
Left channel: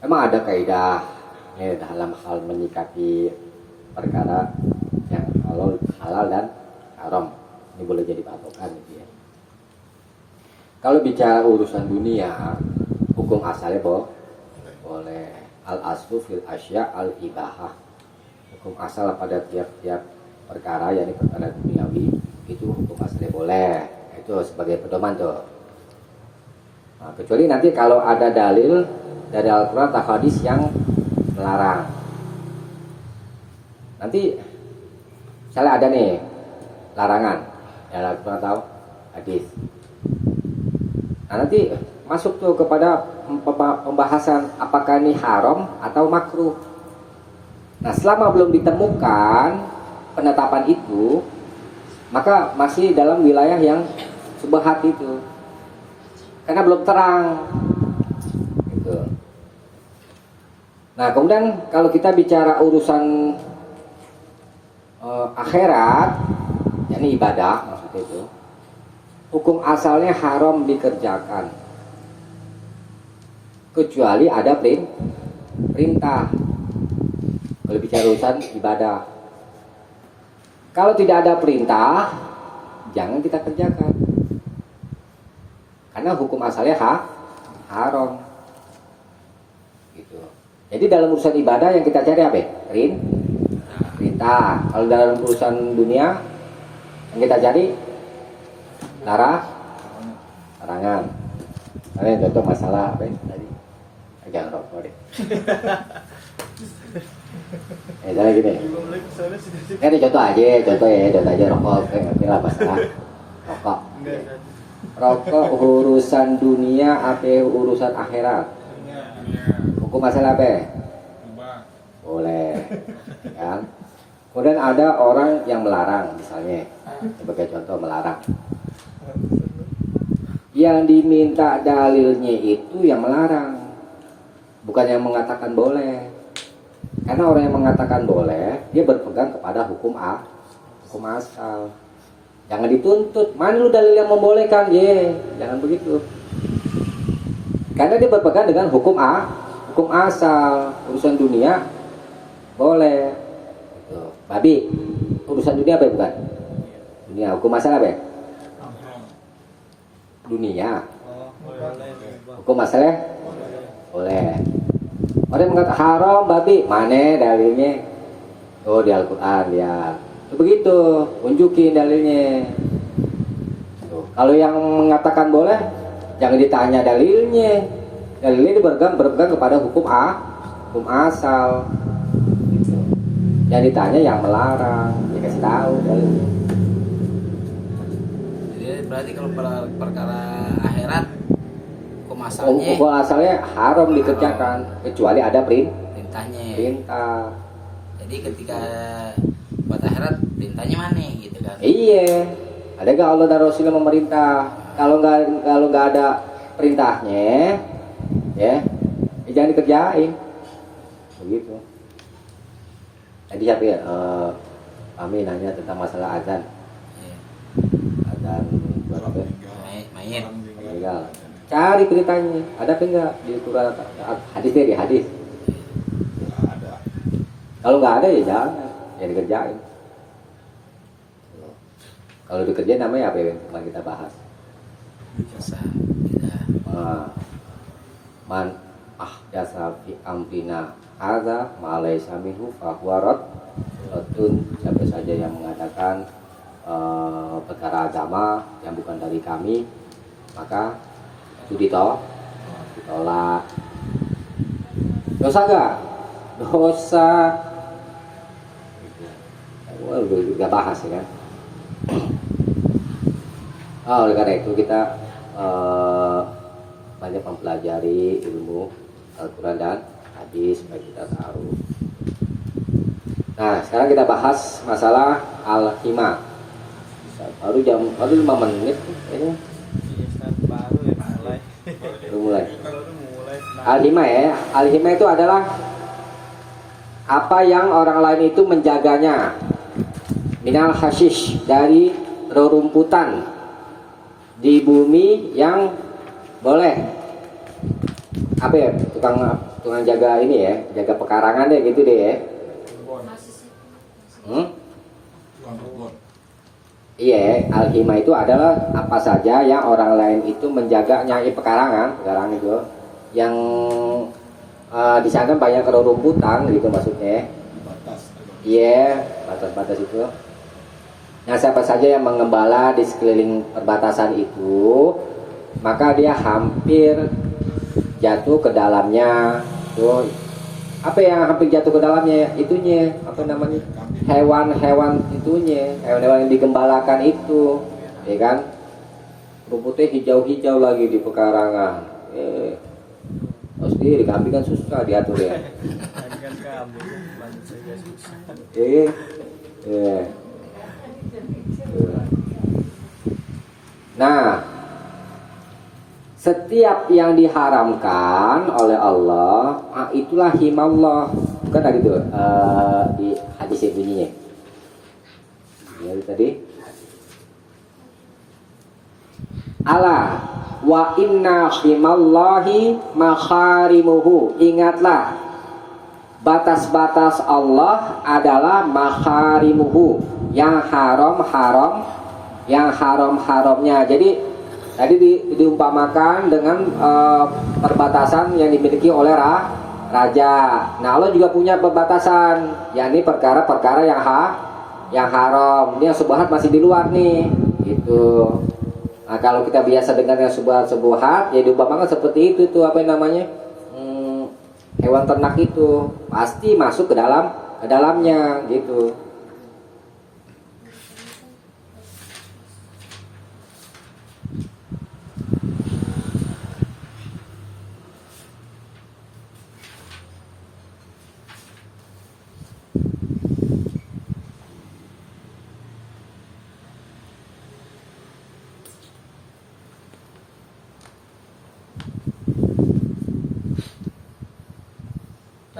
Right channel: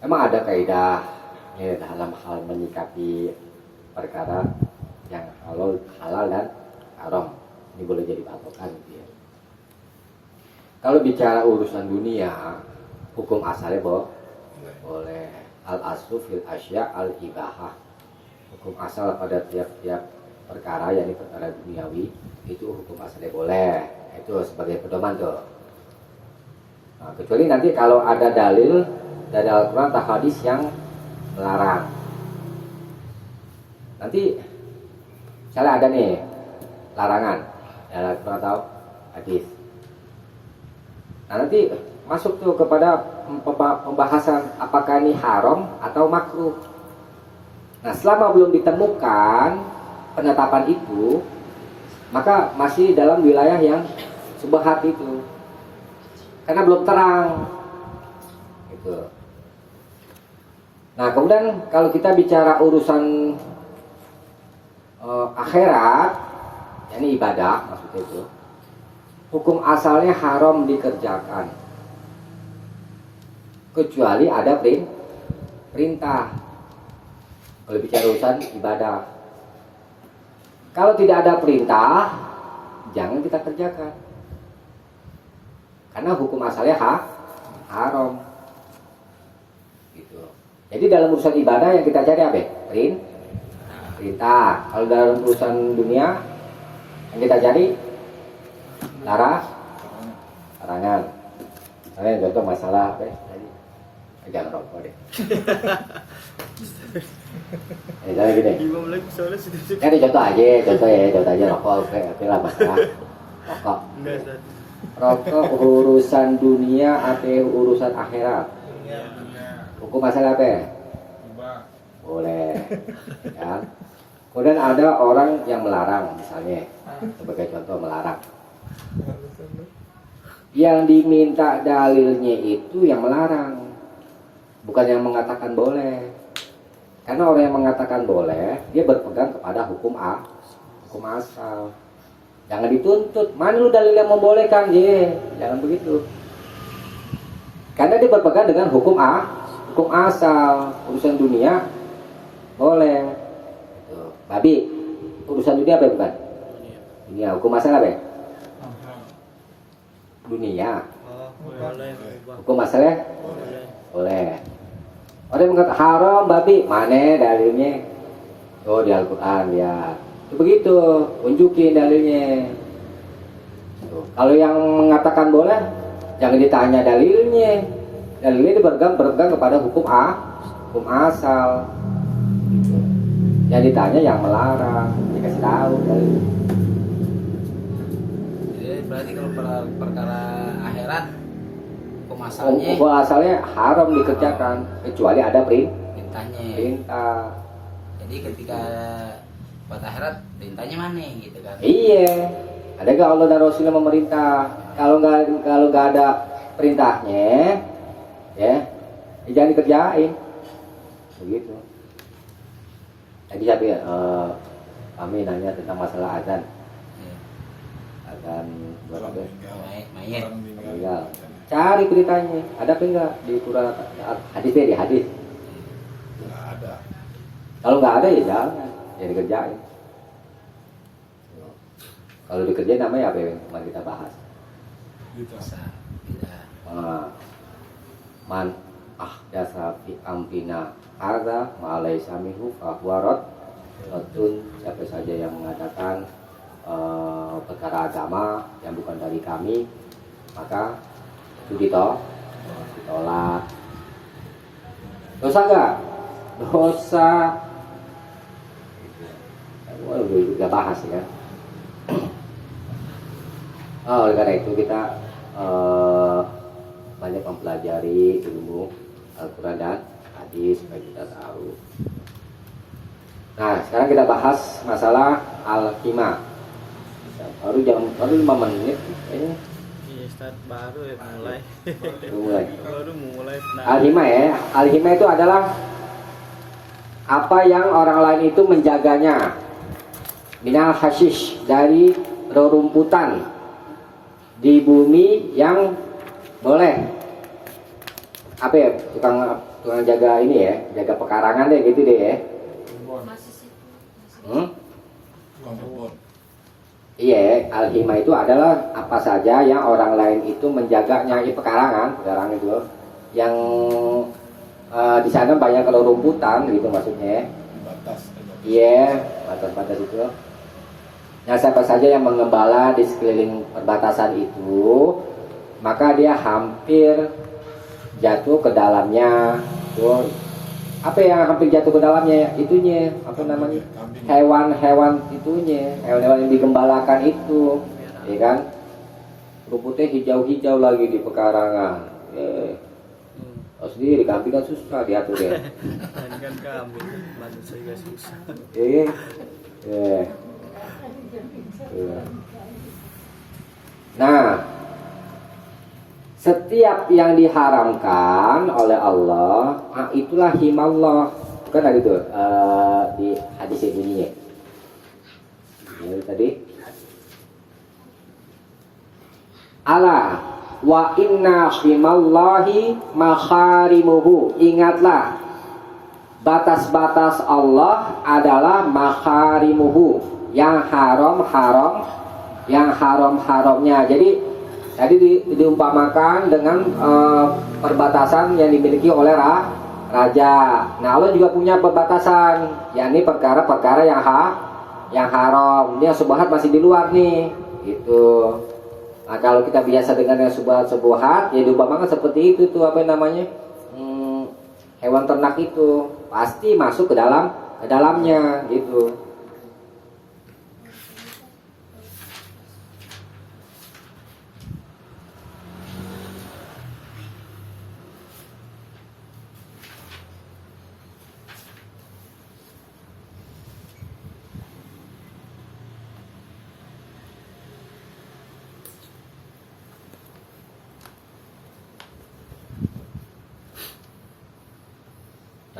Emang ada kaidahnya dalam hal menyikapi perkara yang halal dan haram. Ini boleh jadi patokan gitu ya. Kalau bicara urusan dunia, hukum asalnya boleh. Al aslu fil asya al ibahah. Hukum asal pada tiap-tiap perkara, yakni perkara duniawi, itu hukum asalnya boleh. Itu sebagai pedoman tuh. Nah, kecuali nanti kalau ada dalil dari Al-Quran atau hadis yang melarang. Nanti misalnya ada nih larangan dari Al-Quran atau hadis. Nah, nanti masuk tuh kepada pembahasan apakah ini haram atau makruh. Nah, selama belum ditemukan penetapan itu, maka masih dalam wilayah yang subhat itu, karena belum terang gitu. Nah, kemudian kalau kita bicara urusan akhirat, yakni ibadah maksudnya itu, hukum asalnya haram dikerjakan kecuali ada perintah. Kalau bicara urusan ibadah, kalau tidak ada perintah, jangan kita kerjakan, karena hukum asalnya haram gitu. Jadi dalam urusan ibadah yang kita cari apa? Perintah. Kalau dalam urusan dunia yang kita cari larangan. Kalian contoh masalah apa ya tadi? Jangan rokok deh. Misalnya gini. Kan contoh aja rokok. Oke lah masalah rokok. Rokok urusan dunia apa urusan akhirat? Hukum masalah apa? Boleh. Ya. Kemudian ada orang yang melarang, misalnya sebagai contoh melarang. Yang diminta dalilnya itu yang melarang, bukan yang mengatakan boleh. Karena orang yang mengatakan boleh, dia berpegang kepada hukum asal. Jangan dituntut, mana lu dalil yang membolehkan, jangan begitu. Karena dia berpegang dengan hukum asal. Urusan dunia boleh. Babi, urusan dunia apa bukan? Dunia, hukum asal apa? Dunia. Hukum asalnya boleh. Orang yang mengatakan haram babi, mana dalilnya? Oh, di Al-Quran ya. Begitu, unjukin dalilnya. Kalau yang mengatakan boleh, jangan ditanya dalilnya. Dalilnya berpegang kepada hukum asal. Gitu. Yang ditanya yang melarang, dikasih tahu. Jadi berarti kalau perkara akhirat hukum asalnya haram dikerjakan kecuali ada perintahnya. Perintah. Jadi ketika buat akhirat perintahnya mana gitu kan? Iya. Ada gak Allah dan Rasulnya memerintah? Kalau nggak ada perintahnya, ya jangan dikerjain. Begitu. Tadi siapa ya? Kami nanya tentang masalah azan. Iya. Azan buat apa? Mayit. Meninggal. Cari beritanya. Ada apa enggak di Quran? Hadisnya di hadis. Nggak ada. Kalau nggak ada ya jangan. Ya dikerjain. Kalau dikerjain namanya apa yang kemarin kita bahas? Bisa. Tidak. Man ahdasa fi amrina hadza ma laysa minhu fa huwa raddun. Siapa saja yang mengatakan perkara agama yang bukan dari kami, maka itu ditolak. Dosa enggak? Dosa. Kita bahas ya kan. Oleh karena itu kita banyak mempelajari ilmu Al-Quran dan hadis supaya kita tahu. Nah, sekarang kita bahas masalah al-hima. Baru 5 menit kayaknya. Baru ya mulai. Al-hima ya. Al-hima itu adalah apa yang orang lain itu menjaganya. Minal hashish, dari rerumputan di bumi yang boleh. Apa ya? Tukang jaga ini ya, jaga pekarangan deh gitu deh ya. Kebun. Tukang kebun. Iya, al-hima itu adalah apa saja yang orang lain itu menjaganya. Pekarangan itu yang di sana banyak rerumputan gitu maksudnya. Batas. Iya, batas-batas itu. Nah, siapa saja yang mengembala di sekeliling perbatasan itu, maka dia hampir jatuh ke dalamnya. Tuh, apa yang hampir jatuh ke dalamnya? Itunya, apa namanya? Hewan-hewan itunya, hewan-hewan yang digembalakan itu, ya kan? Rumputnya hijau-hijau lagi di pekarangan. Pasti di kambing kan susah diatur ya. Kan kambing, lanjut saya susah. Eh. Nah, setiap yang diharamkan oleh Allah, itulah himallah. Bukan ada itu di hadis yang bunyinya. Ya tadi. Ala wa inna himallahi makharimuhu. Ingatlah, batas-batas Allah adalah makharimuhu, yang haramnya. Jadi tadi diumpamakan dengan perbatasan yang dimiliki oleh raja. Nah, Allah juga punya perbatasan, yakni perkara-perkara yang haram. Ini yang subhat masih di luar nih, gitu. Nah, kalau kita biasa dengan yang subhat, ya diumpamakan seperti itu tuh, apa namanya? Hewan ternak itu pasti masuk ke dalamnya gitu.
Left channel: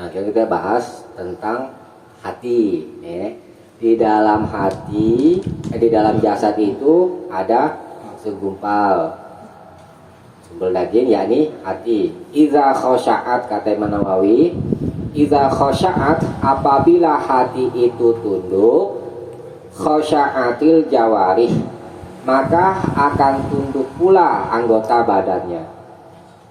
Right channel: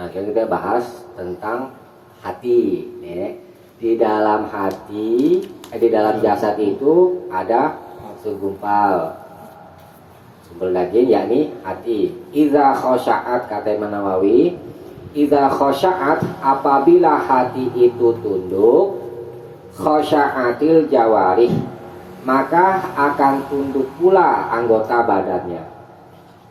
Nah, kita bahas tentang hati, ya. Di dalam hati, di dalam jasad itu ada segumpal daging, yakni hati. Iza khosya'at, kata Imam Nawawi, iza khosya'at, apabila hati itu tunduk, khosya'atil jawarih, maka akan tunduk pula anggota badannya.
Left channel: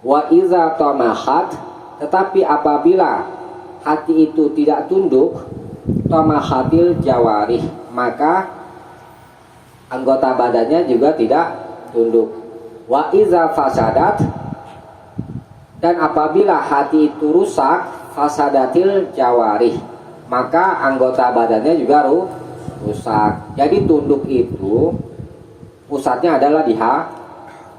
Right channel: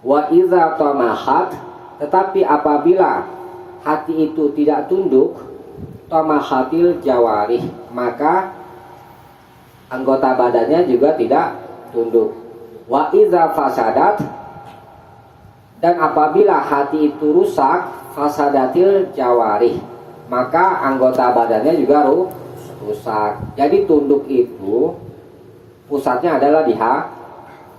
Wa iza tamahat, tetapi apabila hati itu tidak tunduk, tamahatil jawarih, maka anggota badannya juga tidak tunduk. Wa iza fasadat, dan apabila hati itu rusak, fasadatil jawarih, maka anggota badannya juga rusak. Jadi tunduk itu pusatnya adalah di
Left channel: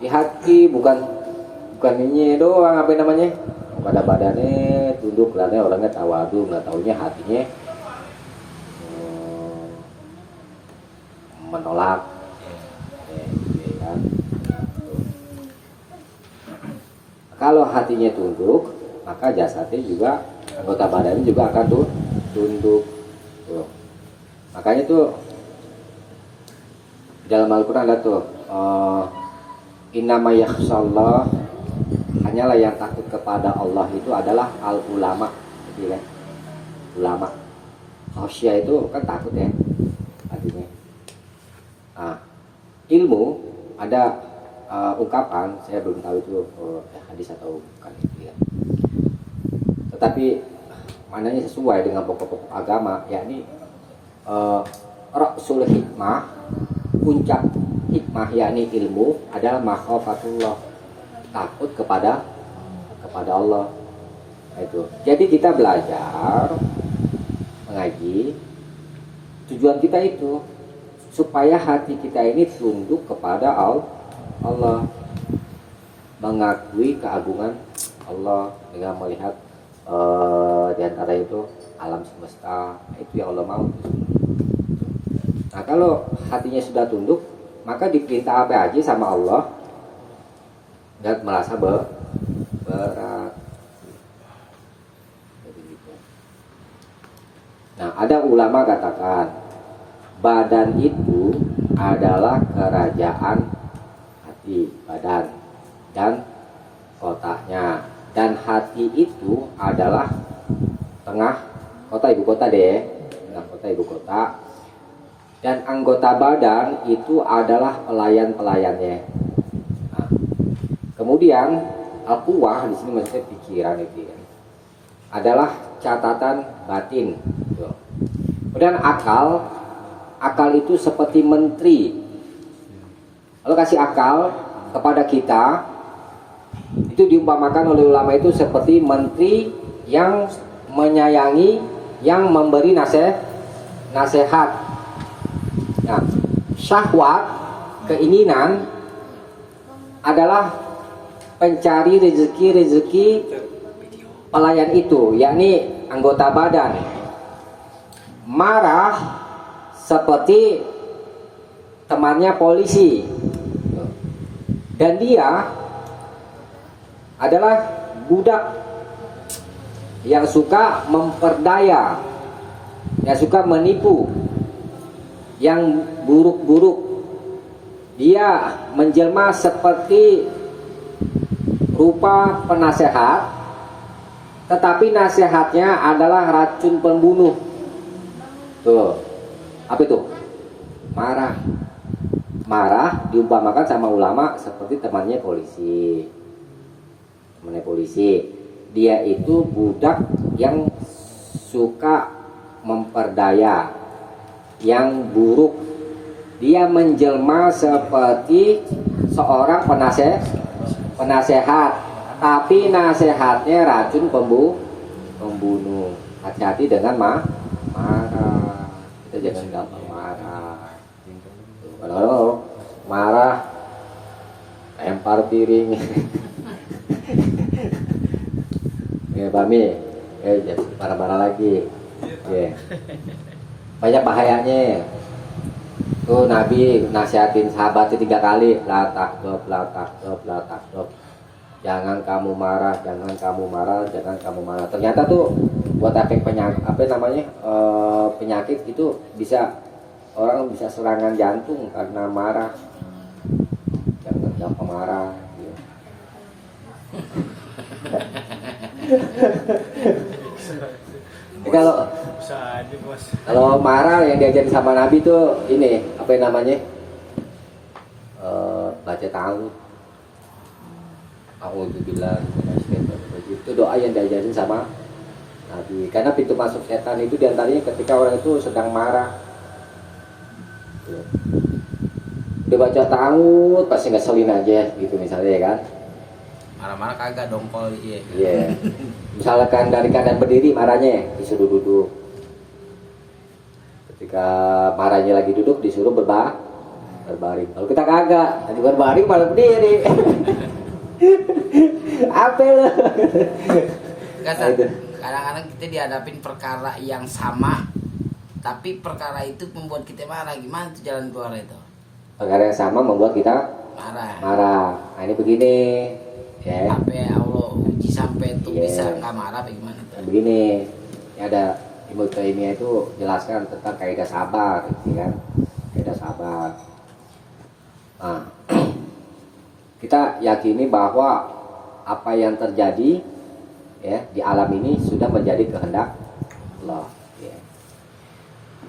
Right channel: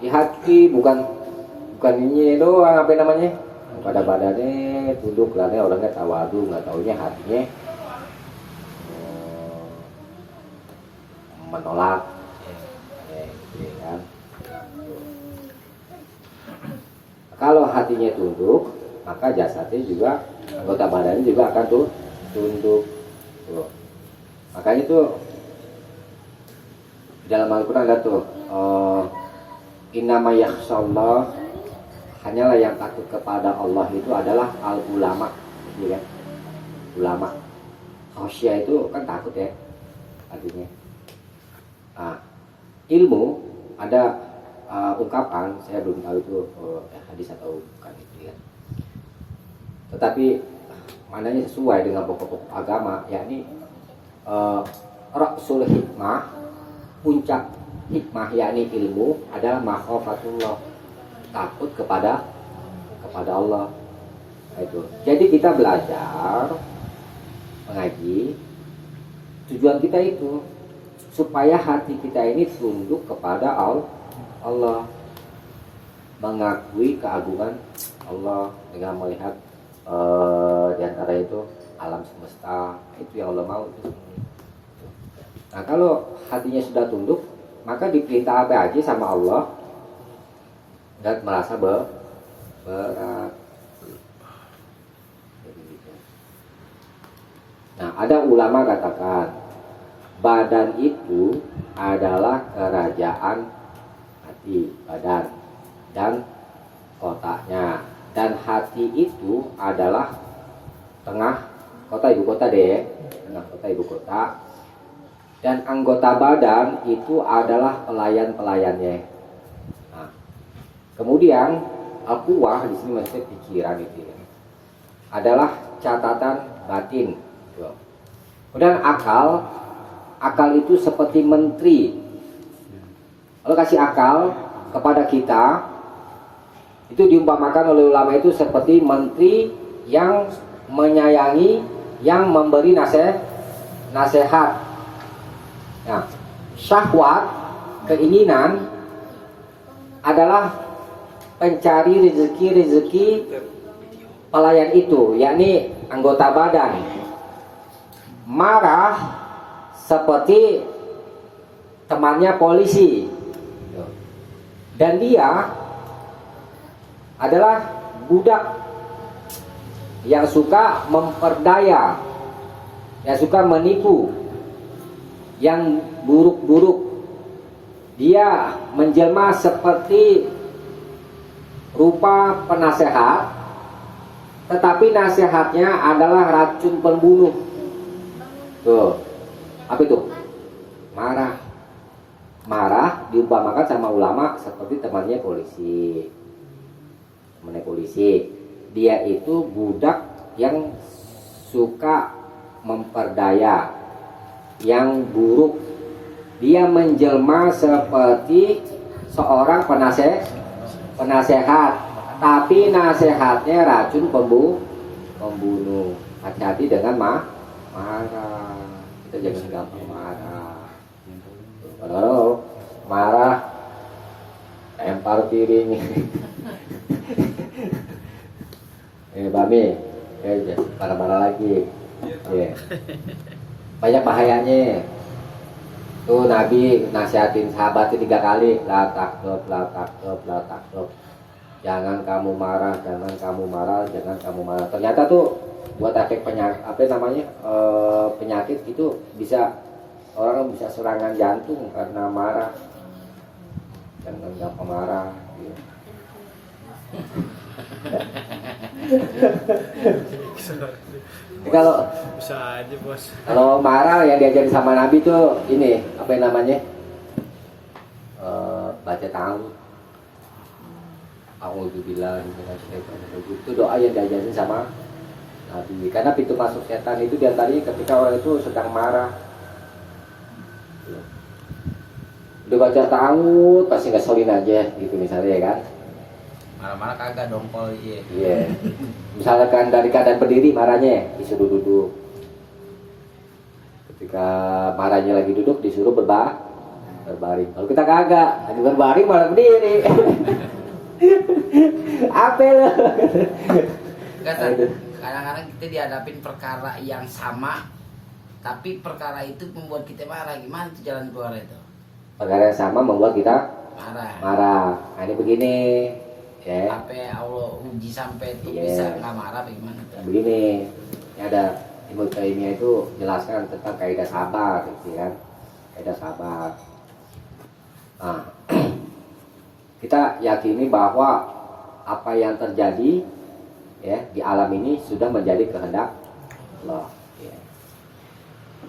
hati, bukan ini doang, apa namanya? Pada badannya tunduk, karena orangnya tawadu, nggak taunya hatinya menolak, ya kan? Kalau hatinya tunduk, maka jasadnya juga, anggota badannya juga akan tunduk. Tuh. Makanya tuh dalam Al-Quran ada tuh innama yakhshallah, hanyalah yang takut kepada Allah itu adalah al-ulama, gitu ya. Ulama. Khosya itu kan takut ya, artinya. Nah, ilmu ada ungkapan, saya belum tahu itu hadis atau bukan itu ya. Tetapi maknanya sesuai dengan pokok-pokok agama, yakni Ra'sul hikmah, puncak hikmah yakni ilmu adalah makhafatullah, takut kepada Allah. Nah, itu. Jadi kita belajar mengaji, tujuan kita itu supaya hati kita ini tunduk kepada Allah, mengakui keagungan Allah dengan melihat di antara itu alam semesta. Nah, itu yang Allah mau. Nah, kalau hatinya sudah tunduk, maka diperintah apa aja sama Allah dan merasa berat. Nah, ada ulama katakan badan itu adalah kerajaan hati, badan dan kotaknya, dan hati itu adalah tengah kota, ibu kota deh, tengah kota, ibu kota. dan anggota badan itu adalah pelayan-pelayannya. Nah, kemudian al-quwah di sini maksudnya pikiran itu ya, adalah catatan batin. Tuh. Kemudian akal itu seperti menteri. Kalau kasih akal kepada kita, itu diumpamakan oleh ulama itu seperti menteri yang menyayangi, yang memberi nasihat. Nah, syahwat, keinginan adalah pencari rezeki pelayan itu, yakni anggota badan. Marah seperti temannya polisi, dan dia adalah budak yang suka memperdaya, yang suka menipu, yang buruk-buruk. Dia menjelma seperti rupa penasehat, tetapi nasihatnya adalah racun pembunuh. Tuh, apa itu? Marah diumpamakan sama ulama seperti temannya polisi. Dia itu budak yang suka memperdaya, yang buruk. Dia menjelma seperti seorang penasehat, tapi nasihatnya racun pembunuh. Hati-hati dengan marah. Kita jangan gampang marah. Kalau marah lempar piring. Bami, marah-marah lagi. Banyak bahayanya. Tuh Nabi nasihatin sahabatnya 3 kali, la takut. Jangan kamu marah. Ternyata tuh buat efek penyakit itu orang bisa serangan jantung karena marah. Jangan gampang marah. Kalau Bisa aja bos. Kalau marah yang diajarin sama Nabi tuh ini apa yang namanya? Baca ta'awudz. A'udzubillah itu doa yang diajarin sama Nabi. Karena pintu masuk setan itu diantaranya ketika orang itu sedang marah. Udah baca ta'awudz pasti ngeselin aja gitu misalnya ya kan. Malah kagak dongkol iya. Iya. Misalkan dari keadaan berdiri marahnya disuruh duduk. Ketika marahnya lagi duduk disuruh berbaring. Kalau kita kagak, lagi berbaring malah berdiri. Apa lo? Kadang-kadang kita dihadapin perkara yang sama, tapi perkara itu membuat kita marah. Gimana tuh jalan keluar itu? Perkara yang sama membuat kita marah. Nah ini begini. Ya. Apa Allah uji sampai itu bisa nggak marah bagaimana tuh? Nah, begini, ya ada Ibnu Taimiyah itu jelaskan tentang kaidah sabar, gitu kan? Kaidah sabar. Nah, kita yakini bahwa apa yang terjadi ya di alam ini sudah menjadi kehendak Allah. Ya.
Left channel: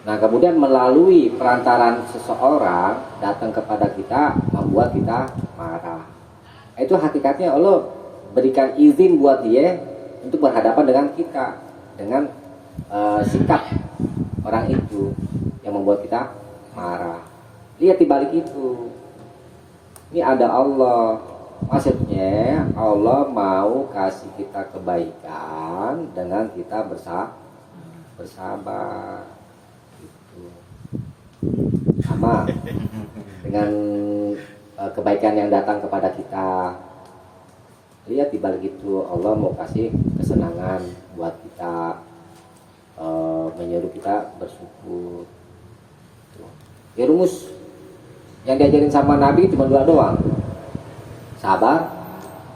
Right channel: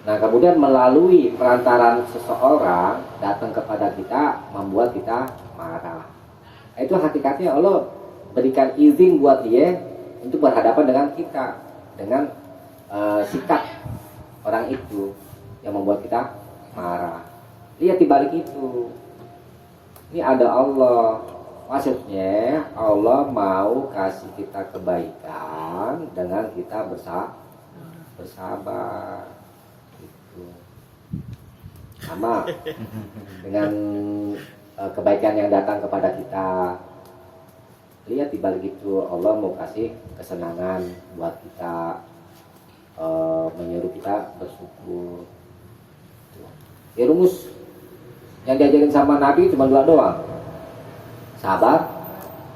Nah, kemudian melalui perantaran seseorang datang kepada kita membuat kita marah. Itu hakikatnya Allah berikan izin buat dia untuk berhadapan dengan kita, dengan sikap orang itu yang membuat kita marah. Lihat di balik itu, ini ada Allah. Maksudnya Allah mau kasih kita kebaikan dengan kita bersabar gitu. Sama dengan kebaikan yang datang kepada kita. Lihat di balik itu Allah mau kasih kesenangan buat kita, menyuruh kita bersyukur. Ya rumus yang diajarin sama Nabi cuma 2 doang. Sabar,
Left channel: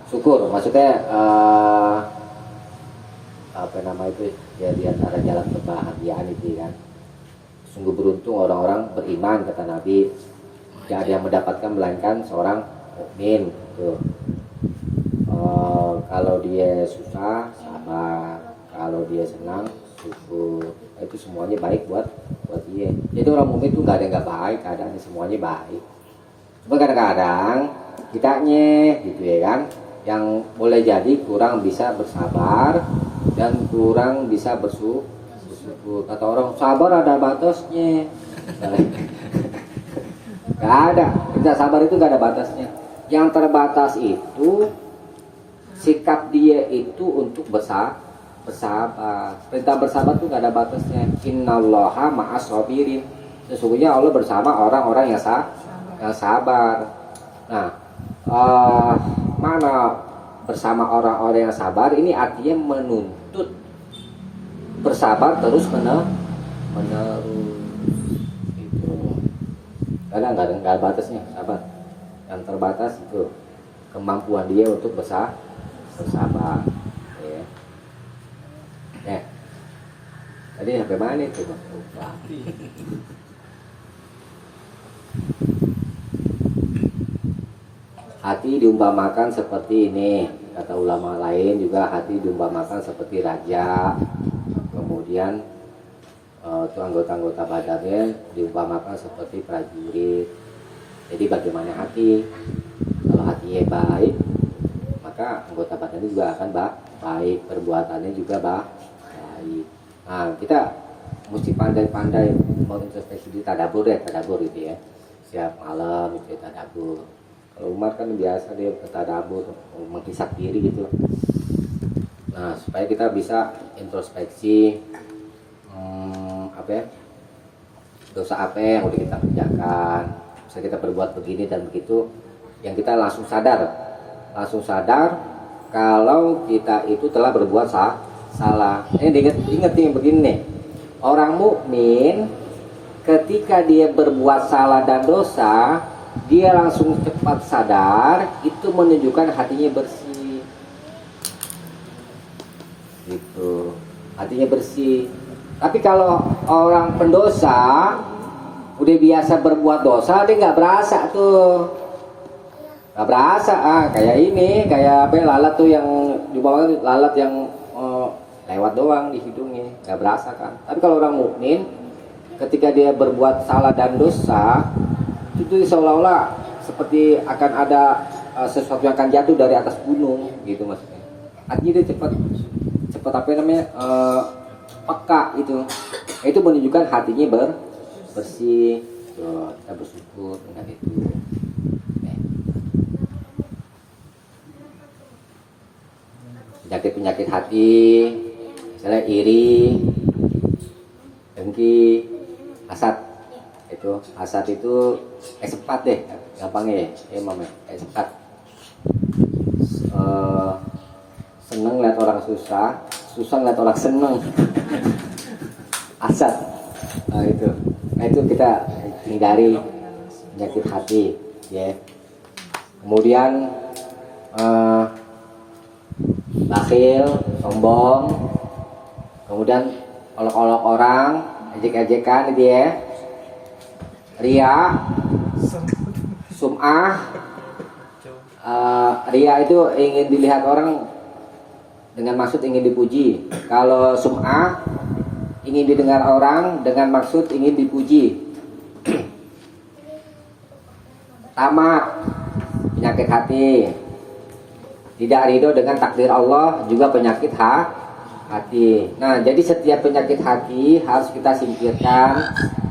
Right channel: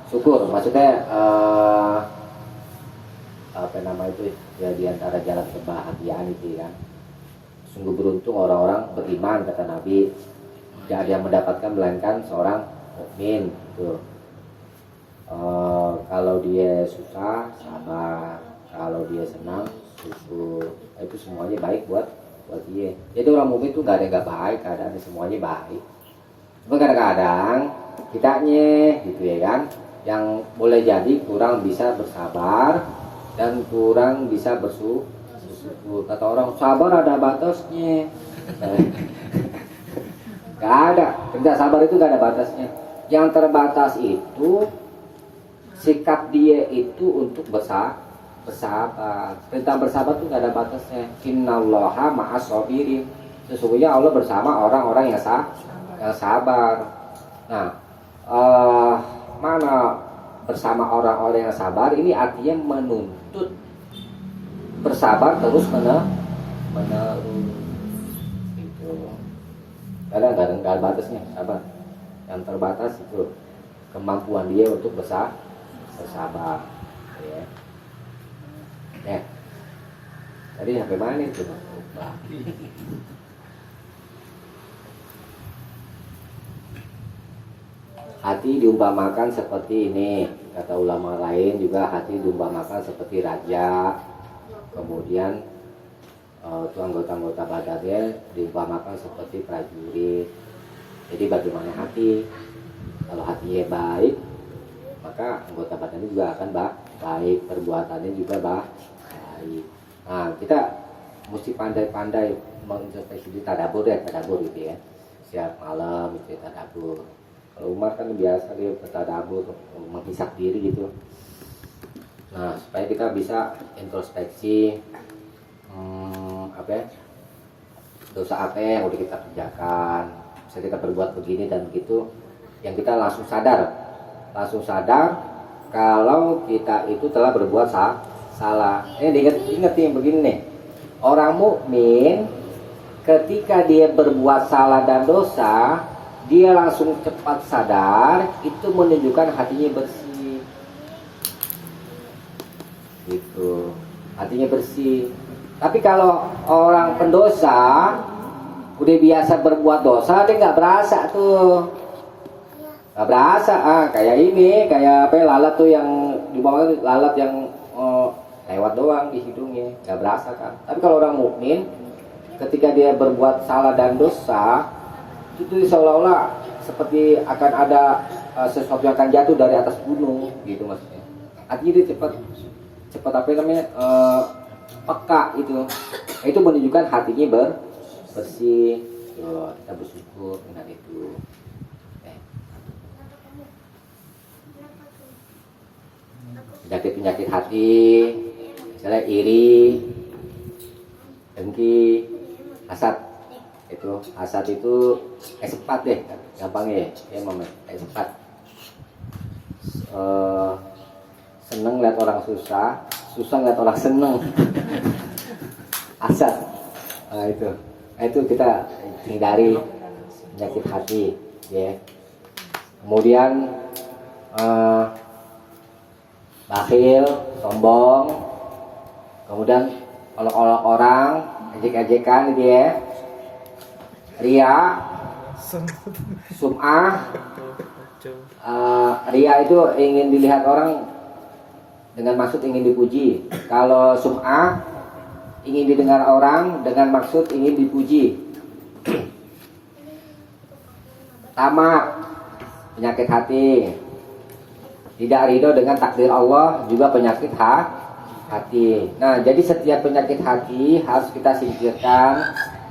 syukur. Maksudnya apa nama itu ya, di antara jalan kebahagiaan itu kan. Sungguh beruntung orang-orang beriman kata Nabi. Tidak ada yang mendapatkan melainkan seorang mukmin. Kalau dia susah sabar, kalau dia senang Itu semuanya baik buat dia. Jadi orang mukmin itu nggak ada yang nggak baik, keadaannya semuanya baik. Cuma kadang-kadang kitanya gitu ya kan, yang boleh jadi kurang bisa bersabar dan kurang bisa bersyukur. Kata orang sabar ada batasnya. Gak ada, kerja sabar itu gak ada batasnya. Yang terbatas itu sikap dia itu untuk bersabar. Perintah bersabar itu gak ada batasnya. Innallaha ma'as sabirin. Sesungguhnya Allah bersama orang-orang yang sabar. Nah, mana bersama orang-orang yang sabar ini artinya menuntut bersabar terus menerus. Itu kadang nggak ada batasnya sabar. Yang terbatas itu kemampuan dia untuk bersabar. Ya. Tadi sampai mana itu? Hati diumpamakan seperti ini, kata ulama lain juga hati diumpamakan seperti raja. Kemudian itu anggota-anggota badannya diumpamakan seperti prajurit. Jadi bagaimana hati? Kalau hatinya baik, maka anggota badannya juga akan baik, perbuatannya juga baik. Nah, kita mesti pandai-pandai mengintrospeksi diri, tadabur gitu ya. Setiap malam itu tadabur. Kalau Umar kan biasa dia bertadabur, menghisap diri gitu. Nah, supaya kita bisa introspeksi dosa apa yang udah kita kerjakan, bisa kita berbuat begini dan begitu, yang kita langsung sadar kalau kita itu telah berbuat salah. Ingat yang begini nih, orang mukmin ketika dia berbuat salah dan dosa, dia langsung cepat sadar, itu menunjukkan hatinya bersih. Gitu. Hatinya bersih. Tapi kalau orang pendosa udah biasa berbuat dosa, dia nggak berasa tuh. Nggak berasa, kayak lalat tuh yang dibawa, lalat yang lewat doang di hidungnya, nggak berasa kan. Tapi kalau orang mukmin ketika dia berbuat salah dan dosa, itu seolah-olah seperti akan ada sesuatu yang akan jatuh dari atas gunung gitu maksudnya. Artinya dia cepat peka itu. Itu menunjukkan hatinya bersih. Kita bersyukur dengan itu. Penyakit hati, misalnya iri, dengki, hasad. Hasad itu S4 deh, gampangnya ya, S4. Seneng lihat orang susah lihat orang seneng. Hasad. Itu kita hindari penyakit hati, ya. Kemudian bakhil, sombong, kemudian olok-olok orang, ejek-ejekan dia. Ria, sum'ah. Ria itu ingin dilihat orang dengan maksud ingin dipuji. Kalau sum'ah ingin didengar orang dengan maksud ingin dipuji. Tamak, penyakit hati. Tidak ridho dengan takdir Allah, juga penyakit hati. Nah, jadi setiap penyakit hati harus kita singkirkan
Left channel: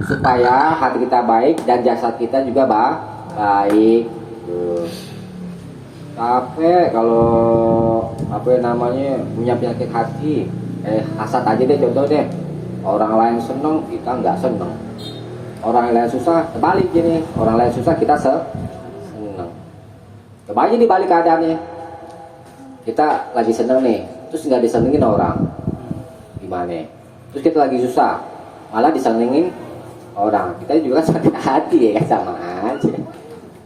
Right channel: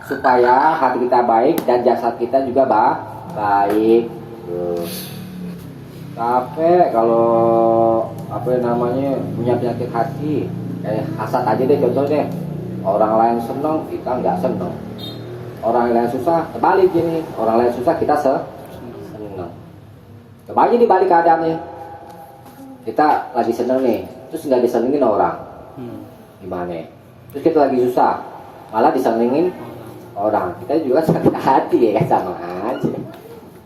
supaya hati kita baik dan jasad kita juga baik. Tapi kalau punya penyakit hati, hasad aja deh contoh deh. Orang lain senang, kita nggak senang. Orang lain susah, kebalik gini. Orang lain susah, kita senang. Coba aja dibalik keadaannya. Kita lagi seneng nih, terus nggak disenengin orang, gimana? Terus kita lagi susah, malah disenengin orang, kita juga sakit hati ya kan, sama aja.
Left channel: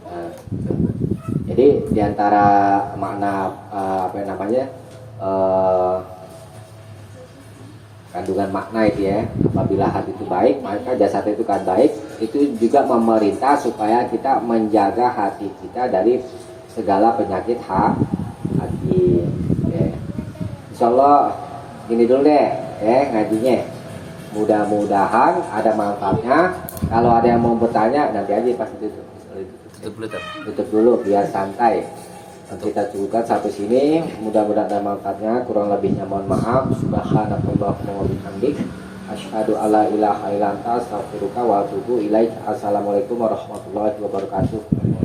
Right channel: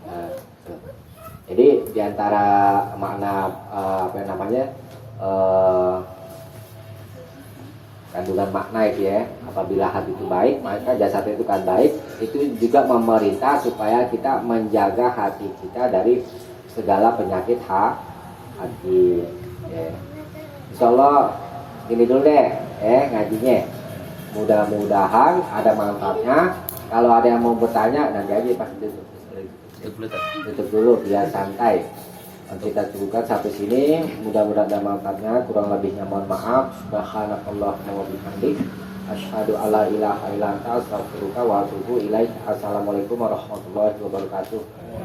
Nah, jadi diantara makna kandungan makna itu ya, apabila hati itu baik maka jasad itu kan baik. Itu juga memerintah supaya kita menjaga hati kita dari segala penyakit hati. Ya. Insya Allah gini dulu deh, ngajinya. Mudah-mudahan ada manfaatnya. Kalau ada yang mau bertanya nanti aja pas tutup. Tutup dulu biar santai. Kita cukupkan sampai sini. Mudah-mudahan ada manfaatnya. Kurang lebihnya mohon maaf. Subhanakallahumma wa bihamdik. Asyhadu alla ilaha illa anta astaghfiruka wa atubu ilaik. Assalamualaikum warahmatullahi wabarakatuh.